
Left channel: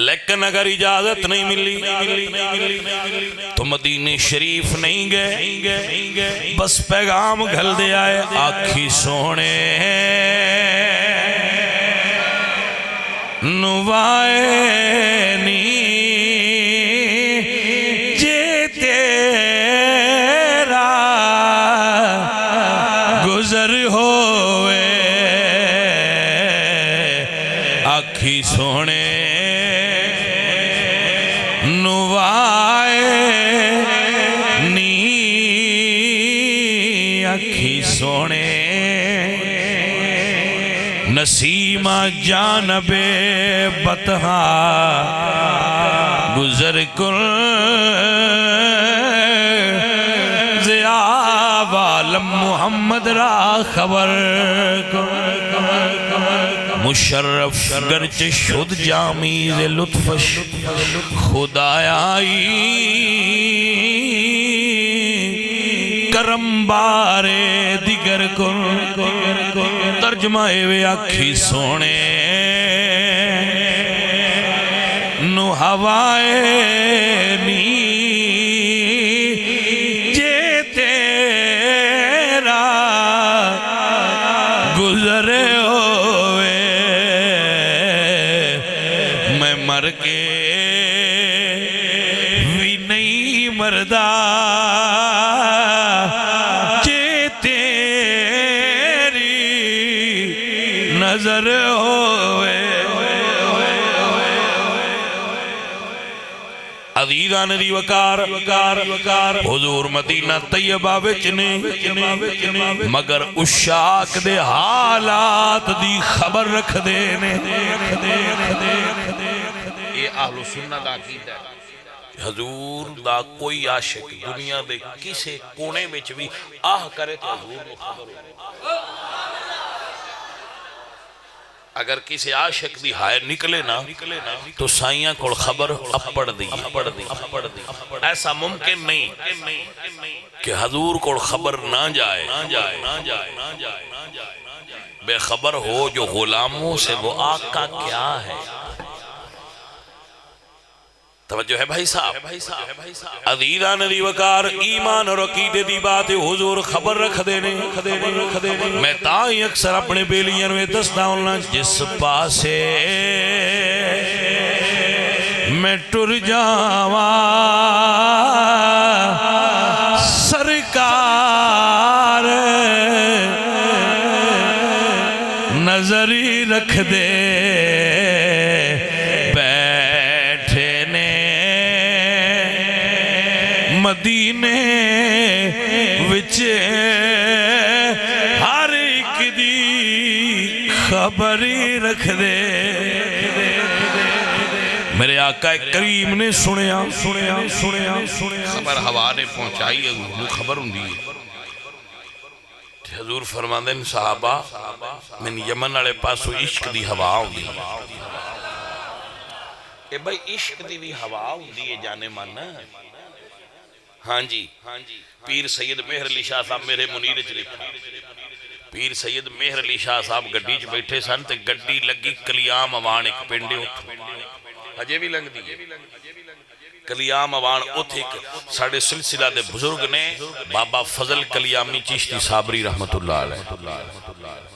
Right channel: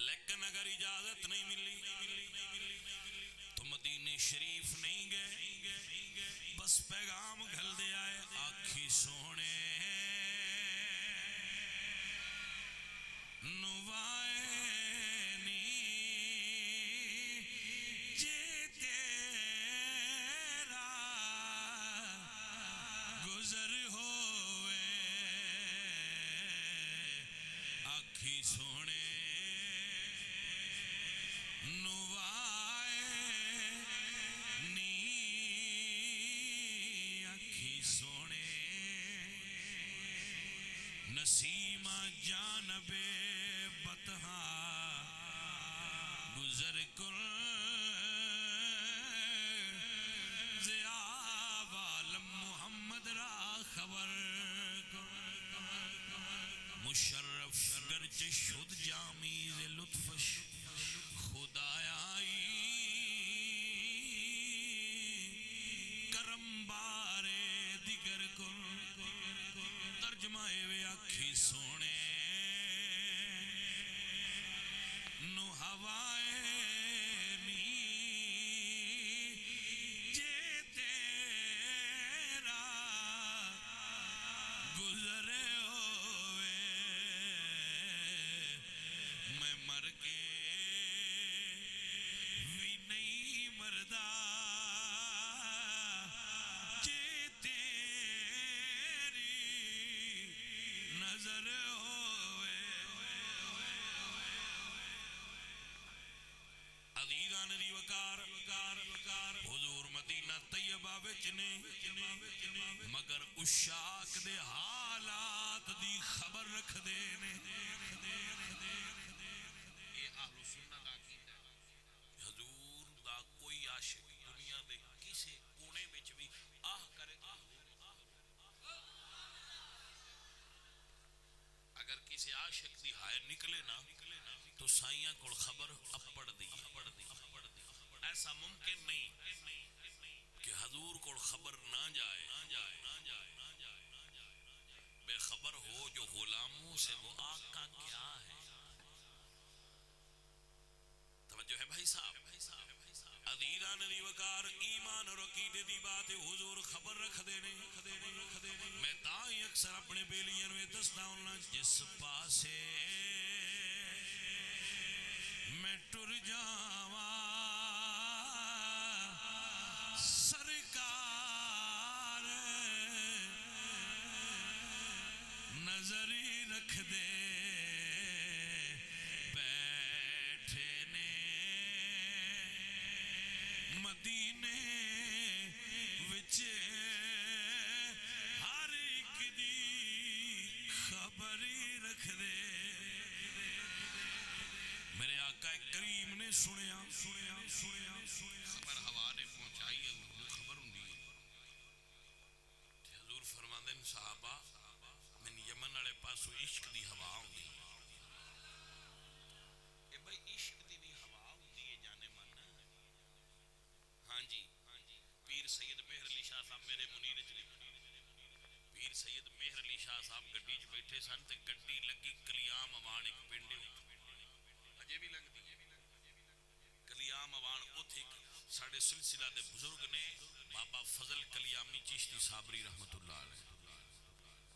لیکن اگر اجازت نہیں ملی تو مدینہ شریف نہیں گئے، بس پیغام گھل دے آئے آکھی سونے نوائے نی جے تیرا گزر ہوئے آکھی سونے نوائے نی آکھی سونے نسیمہ جانب بطحا گزر کر ضیاء عالم محمد را خبر مشرف گرچ شد جامیز لطفش خدایائی کرم بارے دیگر کن ترجمہ وے آکھی سونے نو ہوائے نی جے تیرا گزرے ہوئے میں مر کے بھی نہیں مردہ نظر ہوئے عزیزان دی وقار حضور مدینہ طیبہ وچنے مگر اشاک دے حالات دی خبر رکھ دینے یہ اہل سنہ دا عقیدہ ہے حضور دا کوئی عاشق دنیا دے کسے کونے وچ بھی آہ کرے تو حضور کو خبر ہو اگر کسی عاشق دی ہائے نکلے نا تو سائیاں کو خبر اپڑ دی ایسا ممکن نہیں کہ حضور کو خبر نہ جائے بے خبر ہو جو غلاموں سے وہ آقا کیا ہے توجہ ہے بھائی صاحب عزیزان دی وقار ایمان اور عقیدے دی بات حضور خبر رکھ دینے میں تائی اکثر اپنے بیلیئن میں دستا ہوں جس پاسے میں ٹر جاواں سرکار نظری رکھ دے مدینے وچ ہر ایک دی خبری رکھ دے میرے آقا کریم نے سنیا خبر ہوا نے پہنچائی وہ خبر ہوں دی حضور فرماندے ہیں صحابہ من یمن والے پاسو عشق دی ہوا ہوں دی کہ بھائی عشق دی بھی ہوا ہوں دی یہ جانے ماننا ہاں جی پیر سید مہر علی شاہ صاحب میرے منیر چ لکھا پیر سید مہر علی شاہ صاحب گڈی چ بیٹھے سن تے گڈی لگی کلیام اوان ایک پنڈے ہجے بھی لنگ دی کلیام اوان اتھ ایک ساڑھے سلسلہ دے بزرگ نے بابا فضل کلیامی چشتی صابری رحمت اللہ علیہ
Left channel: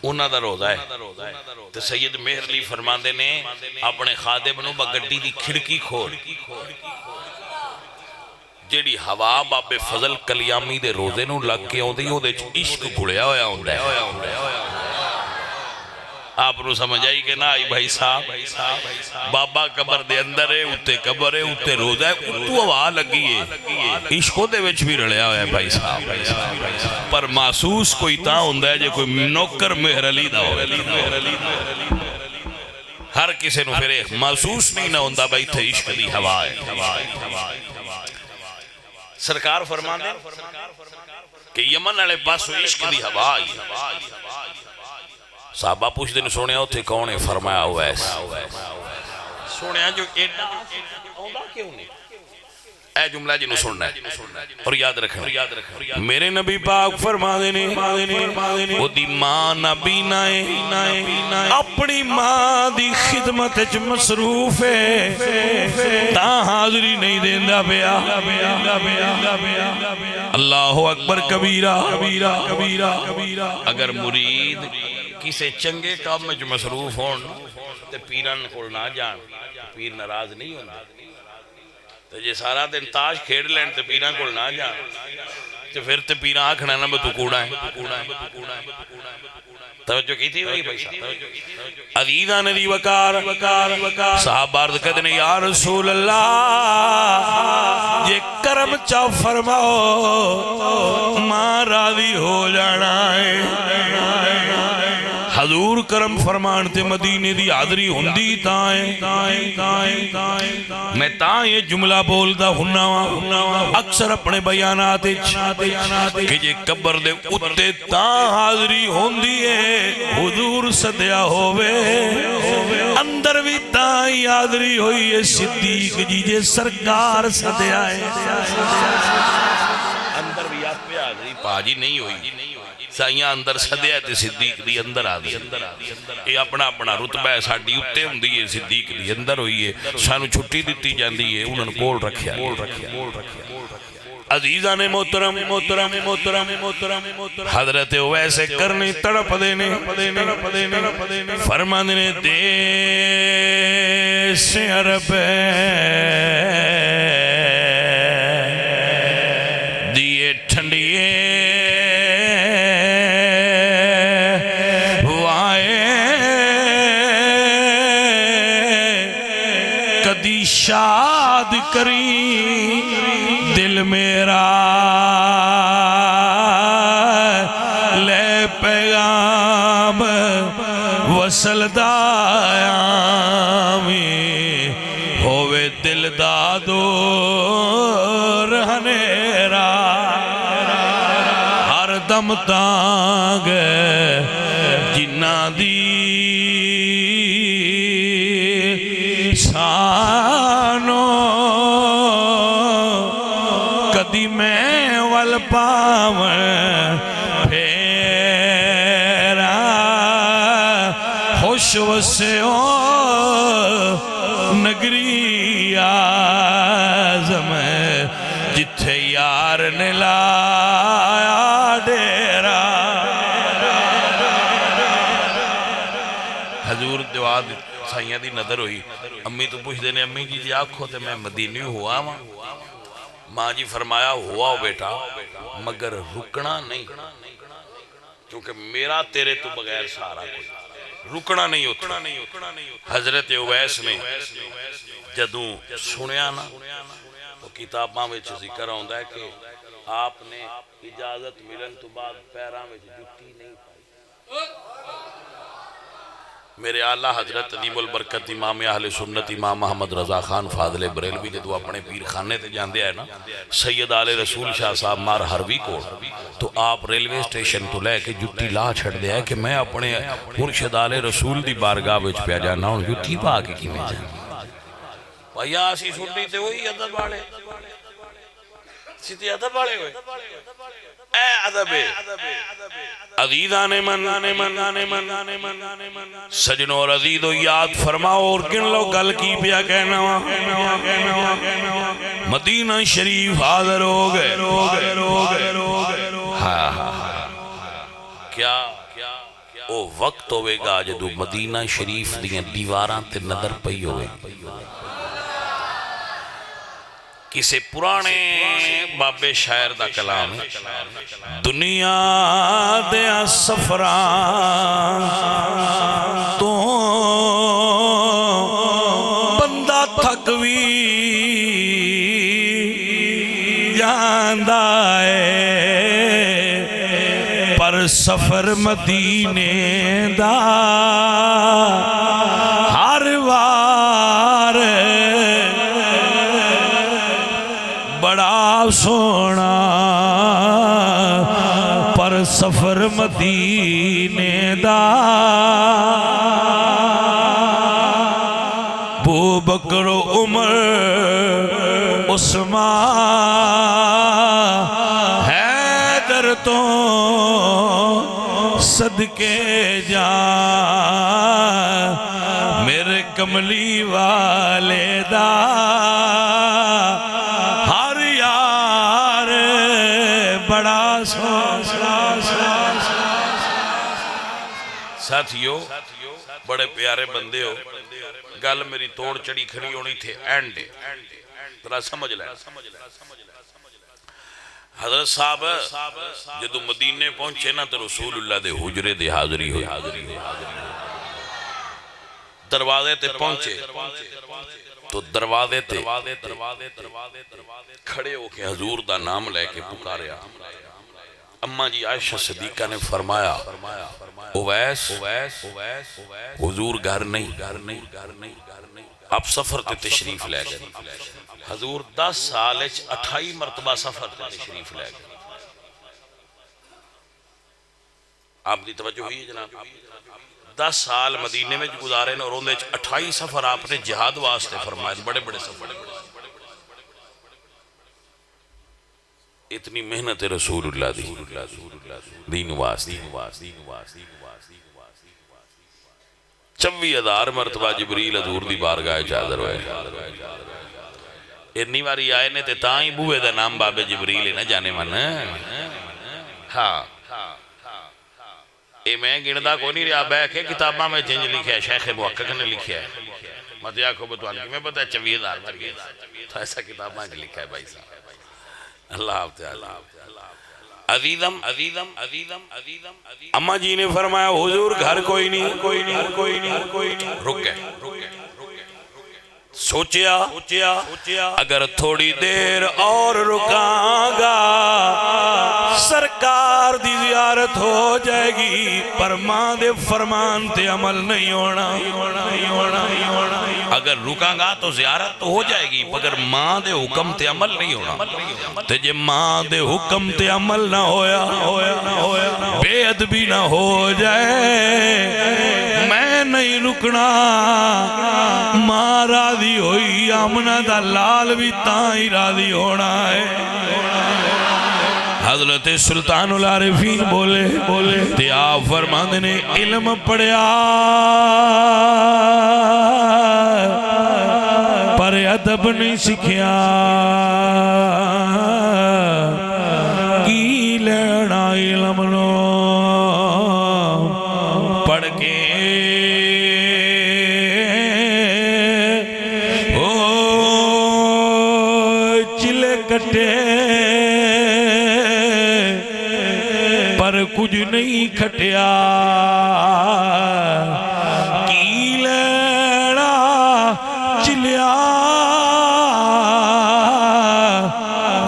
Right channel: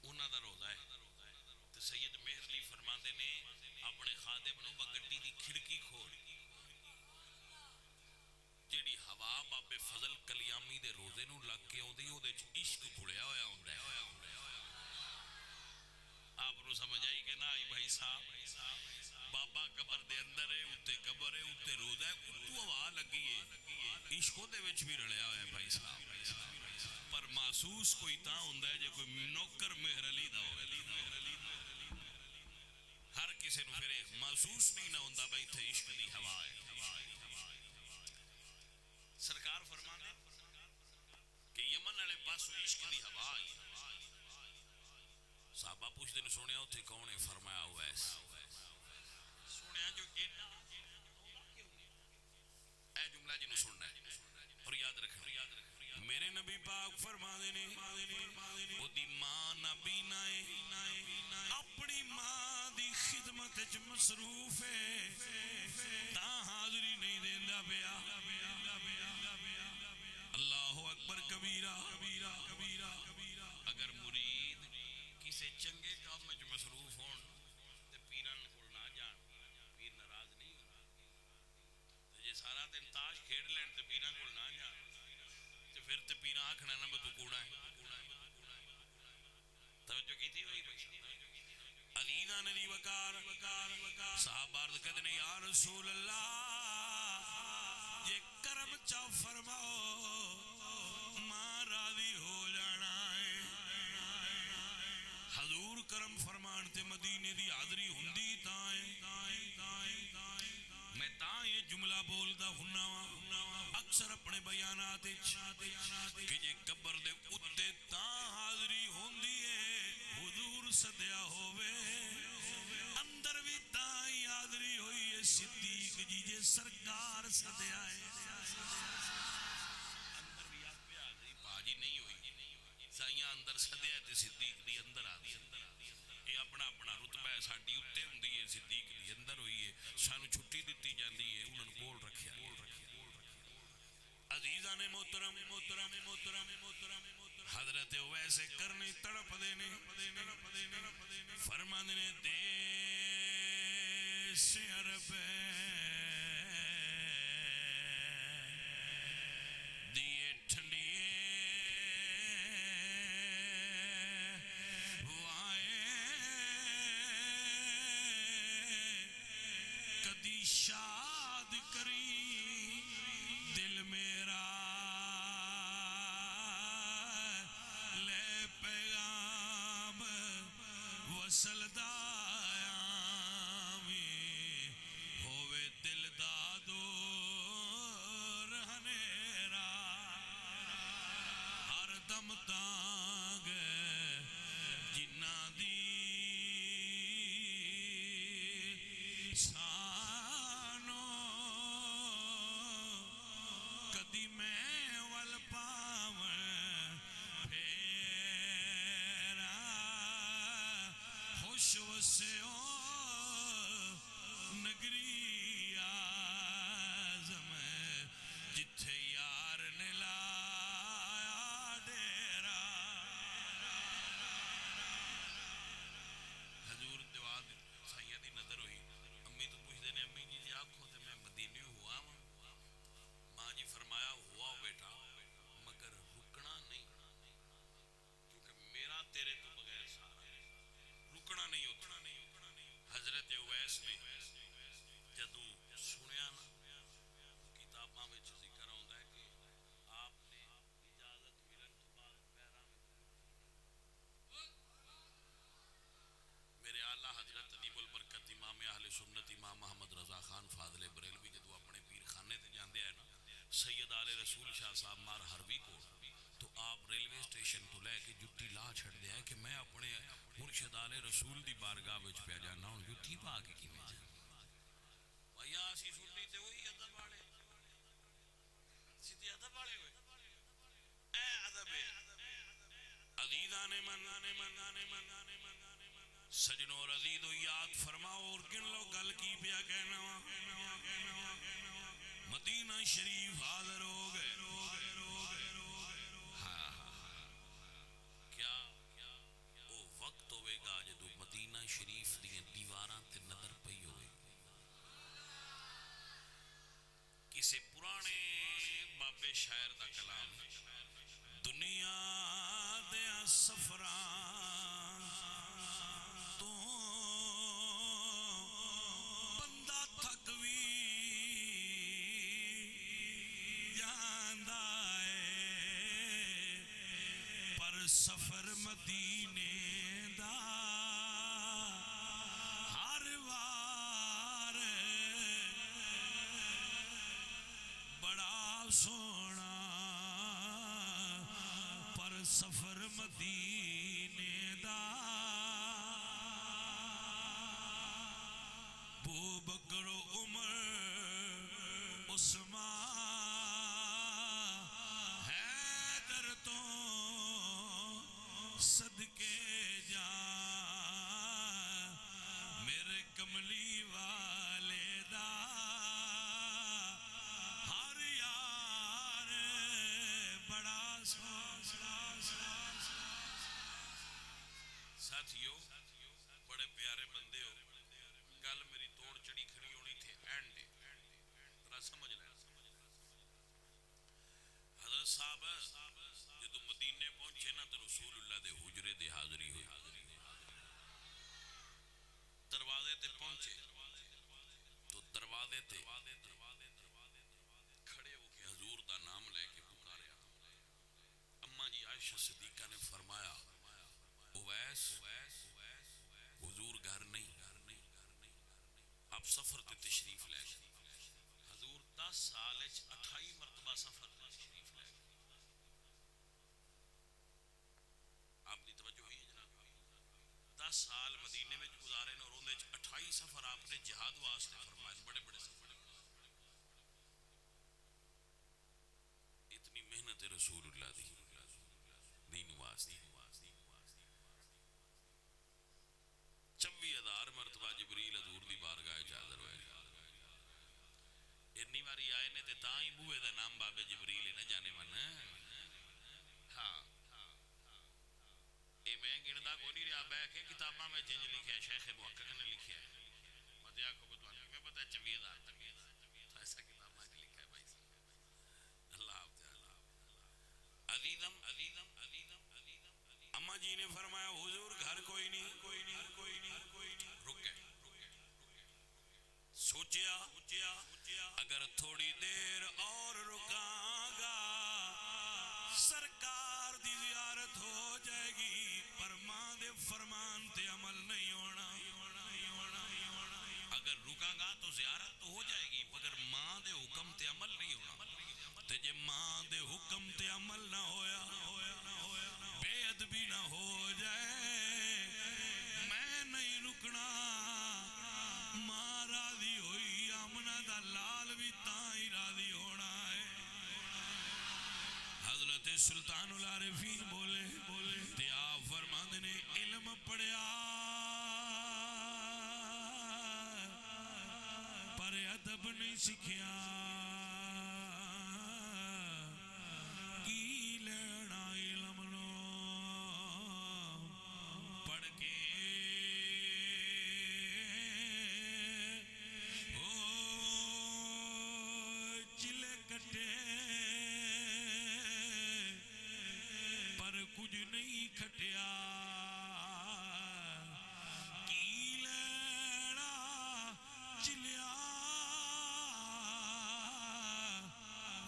انہاں دا روزہ ہے تے سید مہر علی فرماندے نے اپنے خادم نو با گڈی دی کھڑکی کھول جیڑی ہوا بابے فضل کلیامی دے روزے نو لگ کے ہوندی ہو دے عشق گھڑیا ہویا ہوندا ہے آپ نو سمجھ آئی کہ نہ آئی بھائی صاحب بابا قبر دے اندر ہے اتے قبر ہے اتے روزہ ہے اتو ہوا لگی ہے عشقوں دے وچ بھی رڑیا ہویا ہے بھائی صاحب پر محسوس کوئی تا ہوندہ ہے جے کوئی نوکر مہر علی دا ہوئے ہر کسے نو پھر محسوس نہیں نہ ہوندہ بھائی تھے عشق دی ہوا ہے سرکار فرمان دے کہ یمن والے پاسو عشق دی ہوا آئی صحابہ پوچھ دن سونے ہوتے کون ہے فرمایا اویس سونے جو ایڈا آندا کیوں نہیں اے جملہ جنہوں سننا ہے اور یاد رکھنا میرے نبی پاک فرما دینے وہ دی ماں نبی نائے اپنی ماں دی خدمت اچ مصروف ہے تا حاضری نہیں دیندہ بیا اللہ اکبر کبیرہ اگر مرید کسے چنگے کام میں جو مصروف ہون تے پیران کو نہ جان پیر ناراض نہیں ہونا تو یہ سارا دن تاش کھیڑ لین تے پیران کو نہ جان تو پھر تے پیران آکھنا نا میں تو کوڑا ہے توجہ کی تھی وہی پیسہ عزیزان دی وقار صحابہ عرض کہتے ہیں یا رسول اللہ یہ کرم چاہ فرماؤ ماں راضی ہو جانا ہے حضور کرم فرمان تے مدینے دی حاضری ہوندی تائیں میں تائیں یہ جملہ بولدا ہننا اکثر اپنے بیانات کہ یہ قبر دے اتے تاں حاضری ہوندی ہے حضور صدیہ ہوئے اندر بھی تائیں حاضری ہوئی ہے صدیق جی جے سرکار صدیہ ہے اندر بھی آپ پہ حاضری پاجی نہیں ہوئی سائیاں اندر صدیہ تے صدیق دی اندر آدھی یہ اپنا رتبہ ہے ساڑھی اتے ہوں دی صدیق دی اندر ہوئی ہے سانو چھٹی دیتی جاندی ہے انہوں نے کول رکھیا عزیزان محترم حضرت ویسے کرنی تڑپ دینے فرما دینے دیس عرب دیئے ٹھنڈیے شاد کری دل میرا لے پیغام وصل دایامی ہووے دل دادو رہنیرا ہر دم تانگ جنہ دی سانو کدی میں والپاون پھیرا خوش وسیو نگری آزم جتھے یار نے لایا ڈیرا حضور دعا سائیاں دی نظر ہوئی امی تو پوچھ دینے امی جی آنکھو تے میں مدینی ہوا ماں جی فرمایا ہوا ہو بیٹا مگر رکنا نہیں کیونکہ میرا تیرے تو بغیر سارا کوئی رکنا نہیں ہوتا حضرت اویس نے جدوں سنیا نا تو کتاباں میں ذکر ہوندہ ہے کہ آپ نے اجازت ملن تو بعد پیراں میں جتی نہیں پائی میرے آلہ حضرت عظیم البرکت امام اہل سنت امام محمد رضا خان فاضل بریلوی جدو اپنے پیر خانے تے جاندے آئے نا سید آل رسول شاہ صاحب مار ہروی کو تو آپ ریلوے سٹیشن تو لے کے جتی لا چھڑ دے ہے کہ میں اپنے مرشد آل رسول دی بارگاہ وچ پہ جانا ہوں جتی پا کے کی میں جانا بھائی آسی سنی تے ہوئی عدد والے سیتی عدد والے ہوئے اے عدب عزیزان من سجنوں اور عزیزوں یاد فرماؤ اور کن لوگ گل کی پیا کہنا مدینہ شریف حاضر ہو گئے کیا او وقت ہوئے گا جدو مدینہ شریف دیاں دیواراں تے نظر پئی ہوئے کسے پرانے بابے شاعر دا کلام دنیا دیا سفران تو بندہ تھکوی جاندہ ہے پر سفر مدینے دا ہر وار بڑا سونا پر سفر مدینے دا بو بکر عمر عثمان حیدر تو صدقے جا میرے کملی والے دا ہر یار بڑا ساتھیو بڑے پیارے بندے ہو گل میری توڑ چڑی کھڑی ہونی تھے اینڈ ذرا سمجھ لیں حضرت صاحب جدو مدینے پہنچے نا تو رسول اللہ دے حجرے دے حاضری ہوئی دروازے تے پہنچے تو دروازے تے کھڑے ہو کے حضور دا نام لے کے پکاریا اماں جی عائشہ صدیقہ نے فرمایا اویس حضور گھر نہیں آپ سفر تے تشریف لے گئے حضور 10 سال 28 مرتبہ سفر تے تشریف لے گئے آپ دی توجہ ہوئی ہے جناب 10 سال مدینے میں گزارے اور اندھے 28 سفر آپ نے جہاد واسطے فرمائے بڑے بڑے سفر اتنی محنت رسول اللہ دی دین واسطے 24,000 مرتبہ جبریل حضور دی بارگاہ حاضر ہوئے اتنی باری آئے نے تے تاں ہی بوئے دا نام باب جبریل نہ جانے من ہاں اے میں گردہ کو نہیں رہا بیکھے کتابہ میں جنج لکھیا ہے شیخ محقق نے لکھیا ہے مدیہ کو بتوان کی میں پتہ ہے 24,000 مرتبہ تو ایسا کتابہ میں لکھا ہے بھائی صاحب اللہ حافظ عزیزم اماں جی نے فرمایا حضور گھر کوئی نہیں رک گئے سوچیا اگر تھوڑی دیر اور رکاں گا سرکار دی زیارت ہو جائے گی پر ماں دے فرمان تے عمل نہیں ہونا اگر رکاں گا تو زیارت تو ہو جائے گی مگر ماں دے حکم تے عمل نہیں ہونا تے جے ماں دے حکم تے عمل نہ ہویا بے ادبی نہ ہو جائے میں نہیں رکنا ماں راضی ہوئی آمنہ دا لال بھی تائیں راضی ہونا ہے حضرت سلطان العارفین بولے تے آپ فرماندے نے علم پڑھیا پر ادب نہیں سکھیا کی لینا علم نو پڑھ کے چلے کٹے پر کچھ نہیں کھٹیا کی لینا چلیا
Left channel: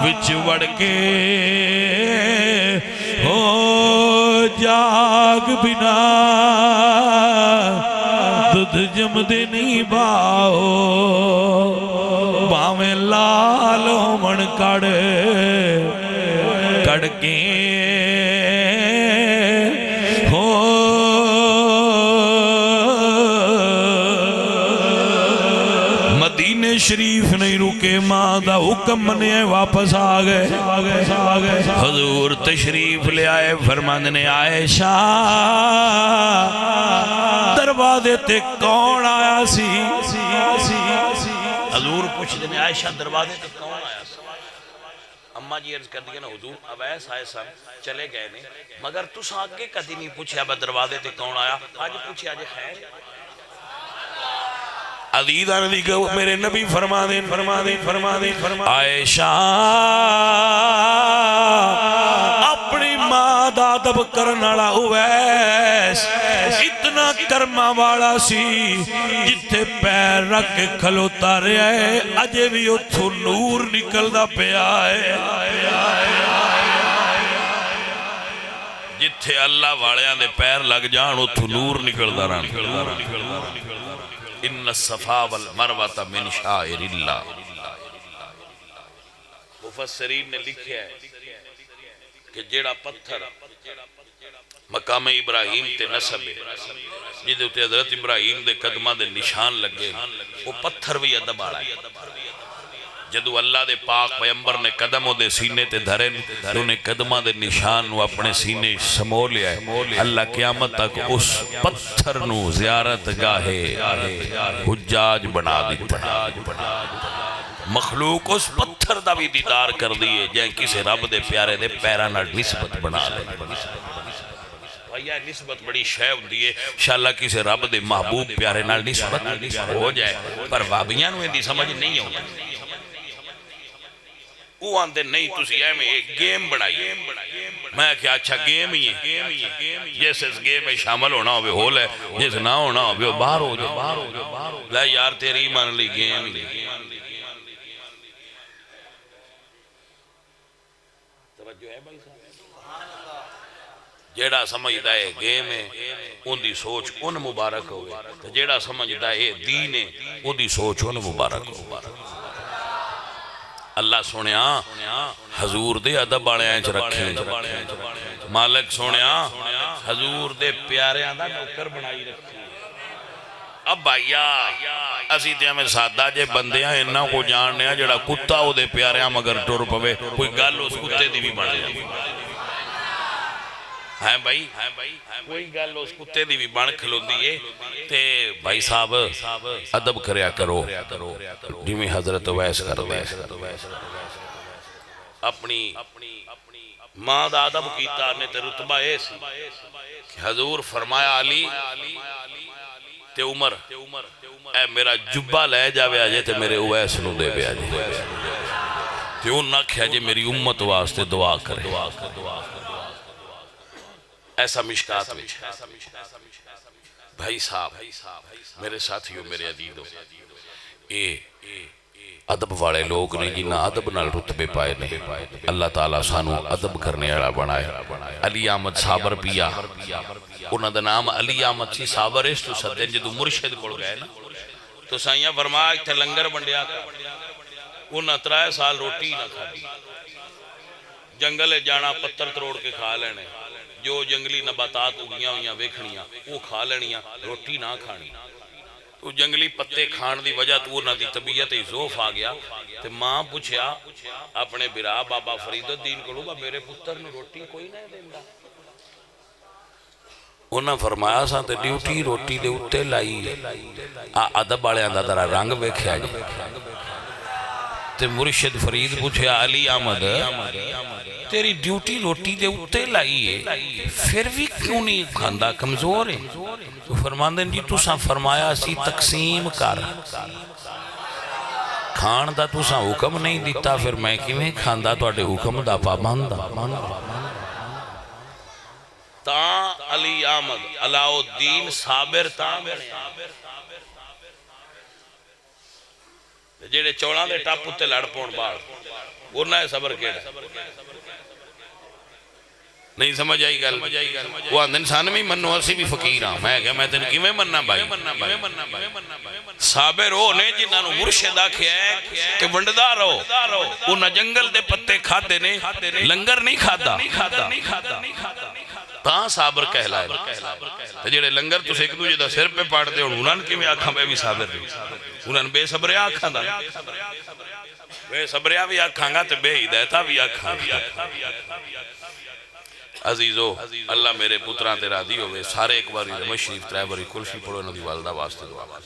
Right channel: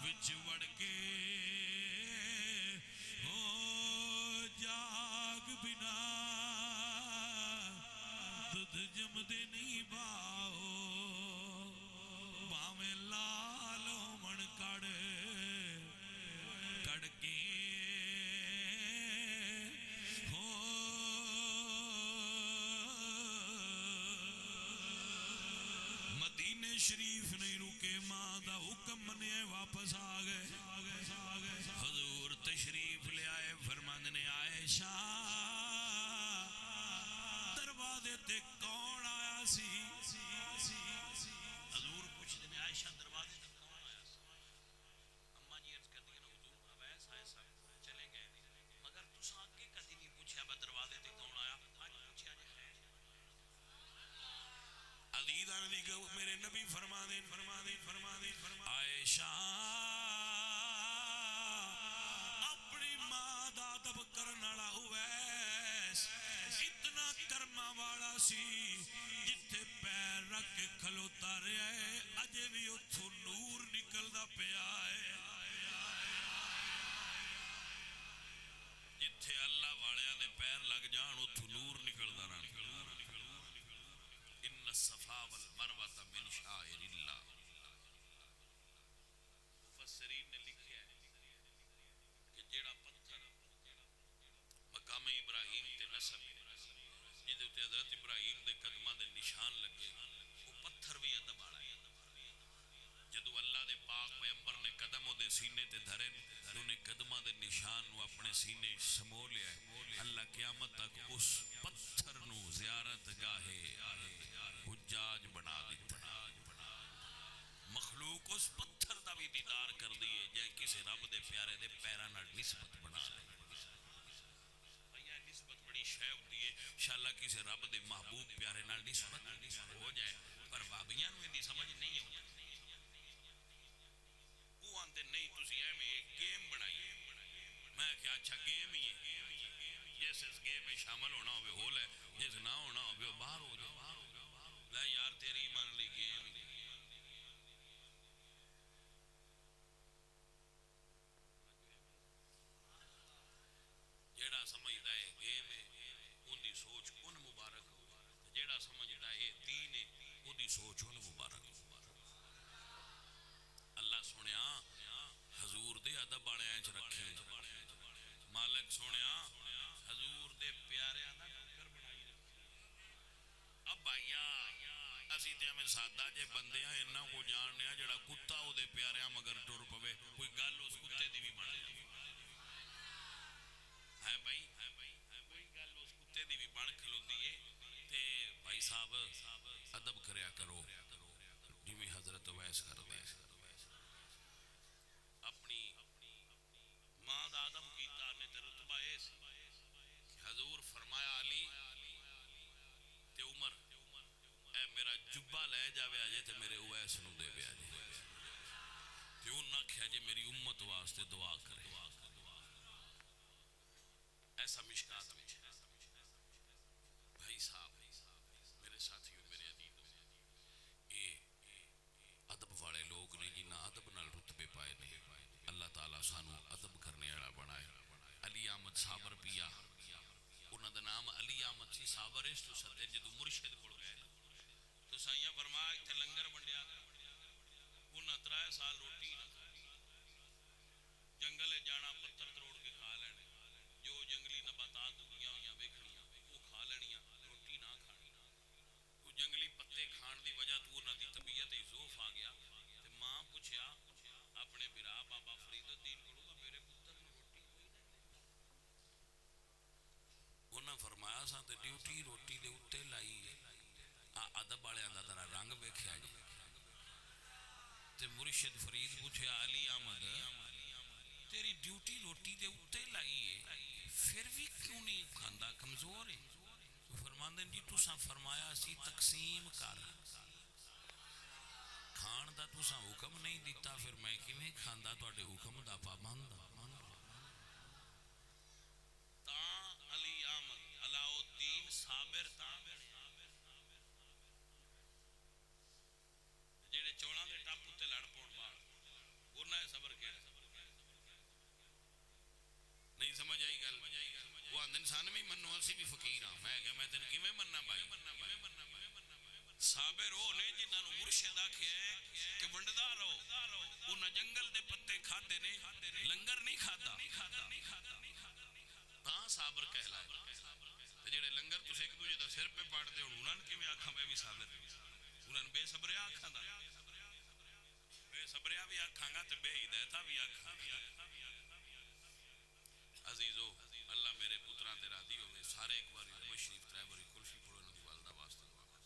وچ وڑ کے ہو جاگ بنا دودھ جمدے نہیں باؤ باویں لالو من کڑ کے شریف نہیں رکے ماں دا حکم منے واپس آگئے حضور تشریف لے آئے فرماندے نے عائشہ دروازے تے کون آیا سی حضور پوچھ دے نے عائشہ دروازے تے کون آیا سی اماں جی عرض کر دیا نا حضور اویس آئے سن چلے گئے نے مگر تُس آگے کدی نہیں پوچھا با دروازے تے کون آیا آج پوچھے آج خیر عزیزہ نے دیکھا میرے نبی فرما دیں عائشہ اپنی ماں دا ادب کرنالا اویس اتنا کرما والا سی جتھے پیر رکھ کے کھلوتا رہے ہے اجے بھی اتھو نور نکل دا پہ آئے جتھے اللہ والیاں دے پیر لگ جان اتھو نور نکل دا رہا ان الصفا والمروہ من شائر اللہ مفسرین نے لکھا ہے کہ جیڑا پتھر مقام ابراہیم تے نسب ہے جدے تے حضرت ابراہیم دے قدمہ دے نشان لگے وہ پتھر بھی ادب آڑا ہے جدو اللہ دے پاک پیمبر نے قدم دے سینے تے دھرے تو انہیں قدمہ دے نشان نو اپنے سینے سمو لیا ہے اللہ قیامت تک اس پتھر نو زیارت گاہے حجاج بنا دیتا ہے مخلوق اس پتھر دا بھی دیدار کر دیئے جائیں کسی رب دے پیارے دے پیرانا نسبت بنا لے یہ نسبت بڑی شے ہوندی ہے انشاءاللہ کسی رب دے محبوب پیارے نال نسبت ہو جائے پر وابیاں نو اندی سمجھ نہیں ہوتی وہ آندے نہیں تسی اے میں ایک گیم بنائی میں کیا اچھا گیم ہی ہے جیسے اس گیم میں شامل ہونا ہوئے ہول ہے جیسے نہ ہونا ہوئے باہر ہو جائے لے یار تیری مان لی گیم ہی توجہ ہے بھائی جیڑا سمجھدا ہے گیم ہے ان دی سوچ ان مبارک ہوئے جیڑا سمجھدا ہے دین ہے ان دی سوچ ان مبارک ہوئے اللہ سونیا حضور دے ادب والے انچ رکھیں مالک سونیا حضور دے پیارے دا نوکر بنائی رکھیں اب بھائیا اسی تے ہمیں سادہ جے بندے ہیں انہاں کو جاننے ہیں جڑا کتا ہو دے پیارے ہیں مگر ٹور پوے کوئی گل اس کتے دی بھی بن جائے ہیں بھائی کوئی گل اس کتے دی بھی بن کھلوندی ہے تے بھائی صاحب ادب کریا کرو جی حضرت ویس کر دے اپنی ماں دا ادب کیتا نے تے رتبہ ایسی کہ حضور فرمایا علی تے عمر اے میرا جبہ لے جاوے آجے تے میرے ویس نو دے بے آجے تے ان نہ کھیا جے میری امت واسطے دعا کرے ایسا مشکات میں بھائی صاحب میرے ساتھیوں میرے عزیزوں اے ادب والے لوگ نے جنہ ادب نال رتبے پائے نہیں اللہ تعالیٰ سانو ادب کرنے والا بنائے علی احمد صابر پیا انہاں دا نام علی احمد سی صابر اس تو سدے جدو مرشد کول گئے نا تو سائیاں فرمایا ایتھے لنگر بنڈیا انہاں 3 سال روٹی نہ کھادی جنگل جانا پتھر تروڑ کے کھا لینے جو جنگلی نباتات اگیاں ہویاں ویکھنیاں وہ کھا لینیاں روٹی نہ کھانی تو جنگلی پتے کھان دی وجہ تو انہاں دی طبیعت ضعف آ گیا تے ماں پوچھیا اپنے برا بابا فرید الدین کو میرے پتر نو روٹی کوئی نہ دیندا انہاں فرمایا سا تے ڈیوٹی روٹی دے اوتے لائی ادب والیاں دا ذرا رنگ ویکھیا جی تے مرشد فرید پوچھیا علی احمد تیری ڈیوٹی روٹی دے اوتے لائی ہے پھر بھی کیوں نہیں کھاندا کمزور ہے تو فرماندے جی تساں فرمایا سی تقسیم کر کھان دا تساں حکم نہیں دیتا پھر میں کیویں کھاندا تواڈے حکم دا پابند تاں علی احمد علاء الدین صابر تاں جیڑے چوڑاں دے ٹاپ تے لڑ پون بال انہاں نے صبر کیڑا نہیں سمجھ آئی گل وہ آندھن انسان میں منو اسی بھی فقیر ہاں میں کہا میں تین کیویں مننا بھائی صابر ہو نے جنہاں نو مرشد آکھیا ہے کہ ونڈدار ہو انہاں جنگل دے پتے کھاتے نے لنگر نہیں کھادا تاں صابر کہلائے جڑے لنگر تو ایک دوجے دا سر پہ پاڑ دے انہاں نے کیویں آکھاں میں بھی صابر نہیں انہاں نے بے صبریا آکھاں دا بے صبریا بھی آکھاں گا تے بے ہدایتہ بھی آکھاں گا عزیزو اللہ میرے پتران تے راضی ہوئے سارے ایک باری رمض شریف 3 باری کلفی پڑھو انہوں دی والدہ واسطے دعا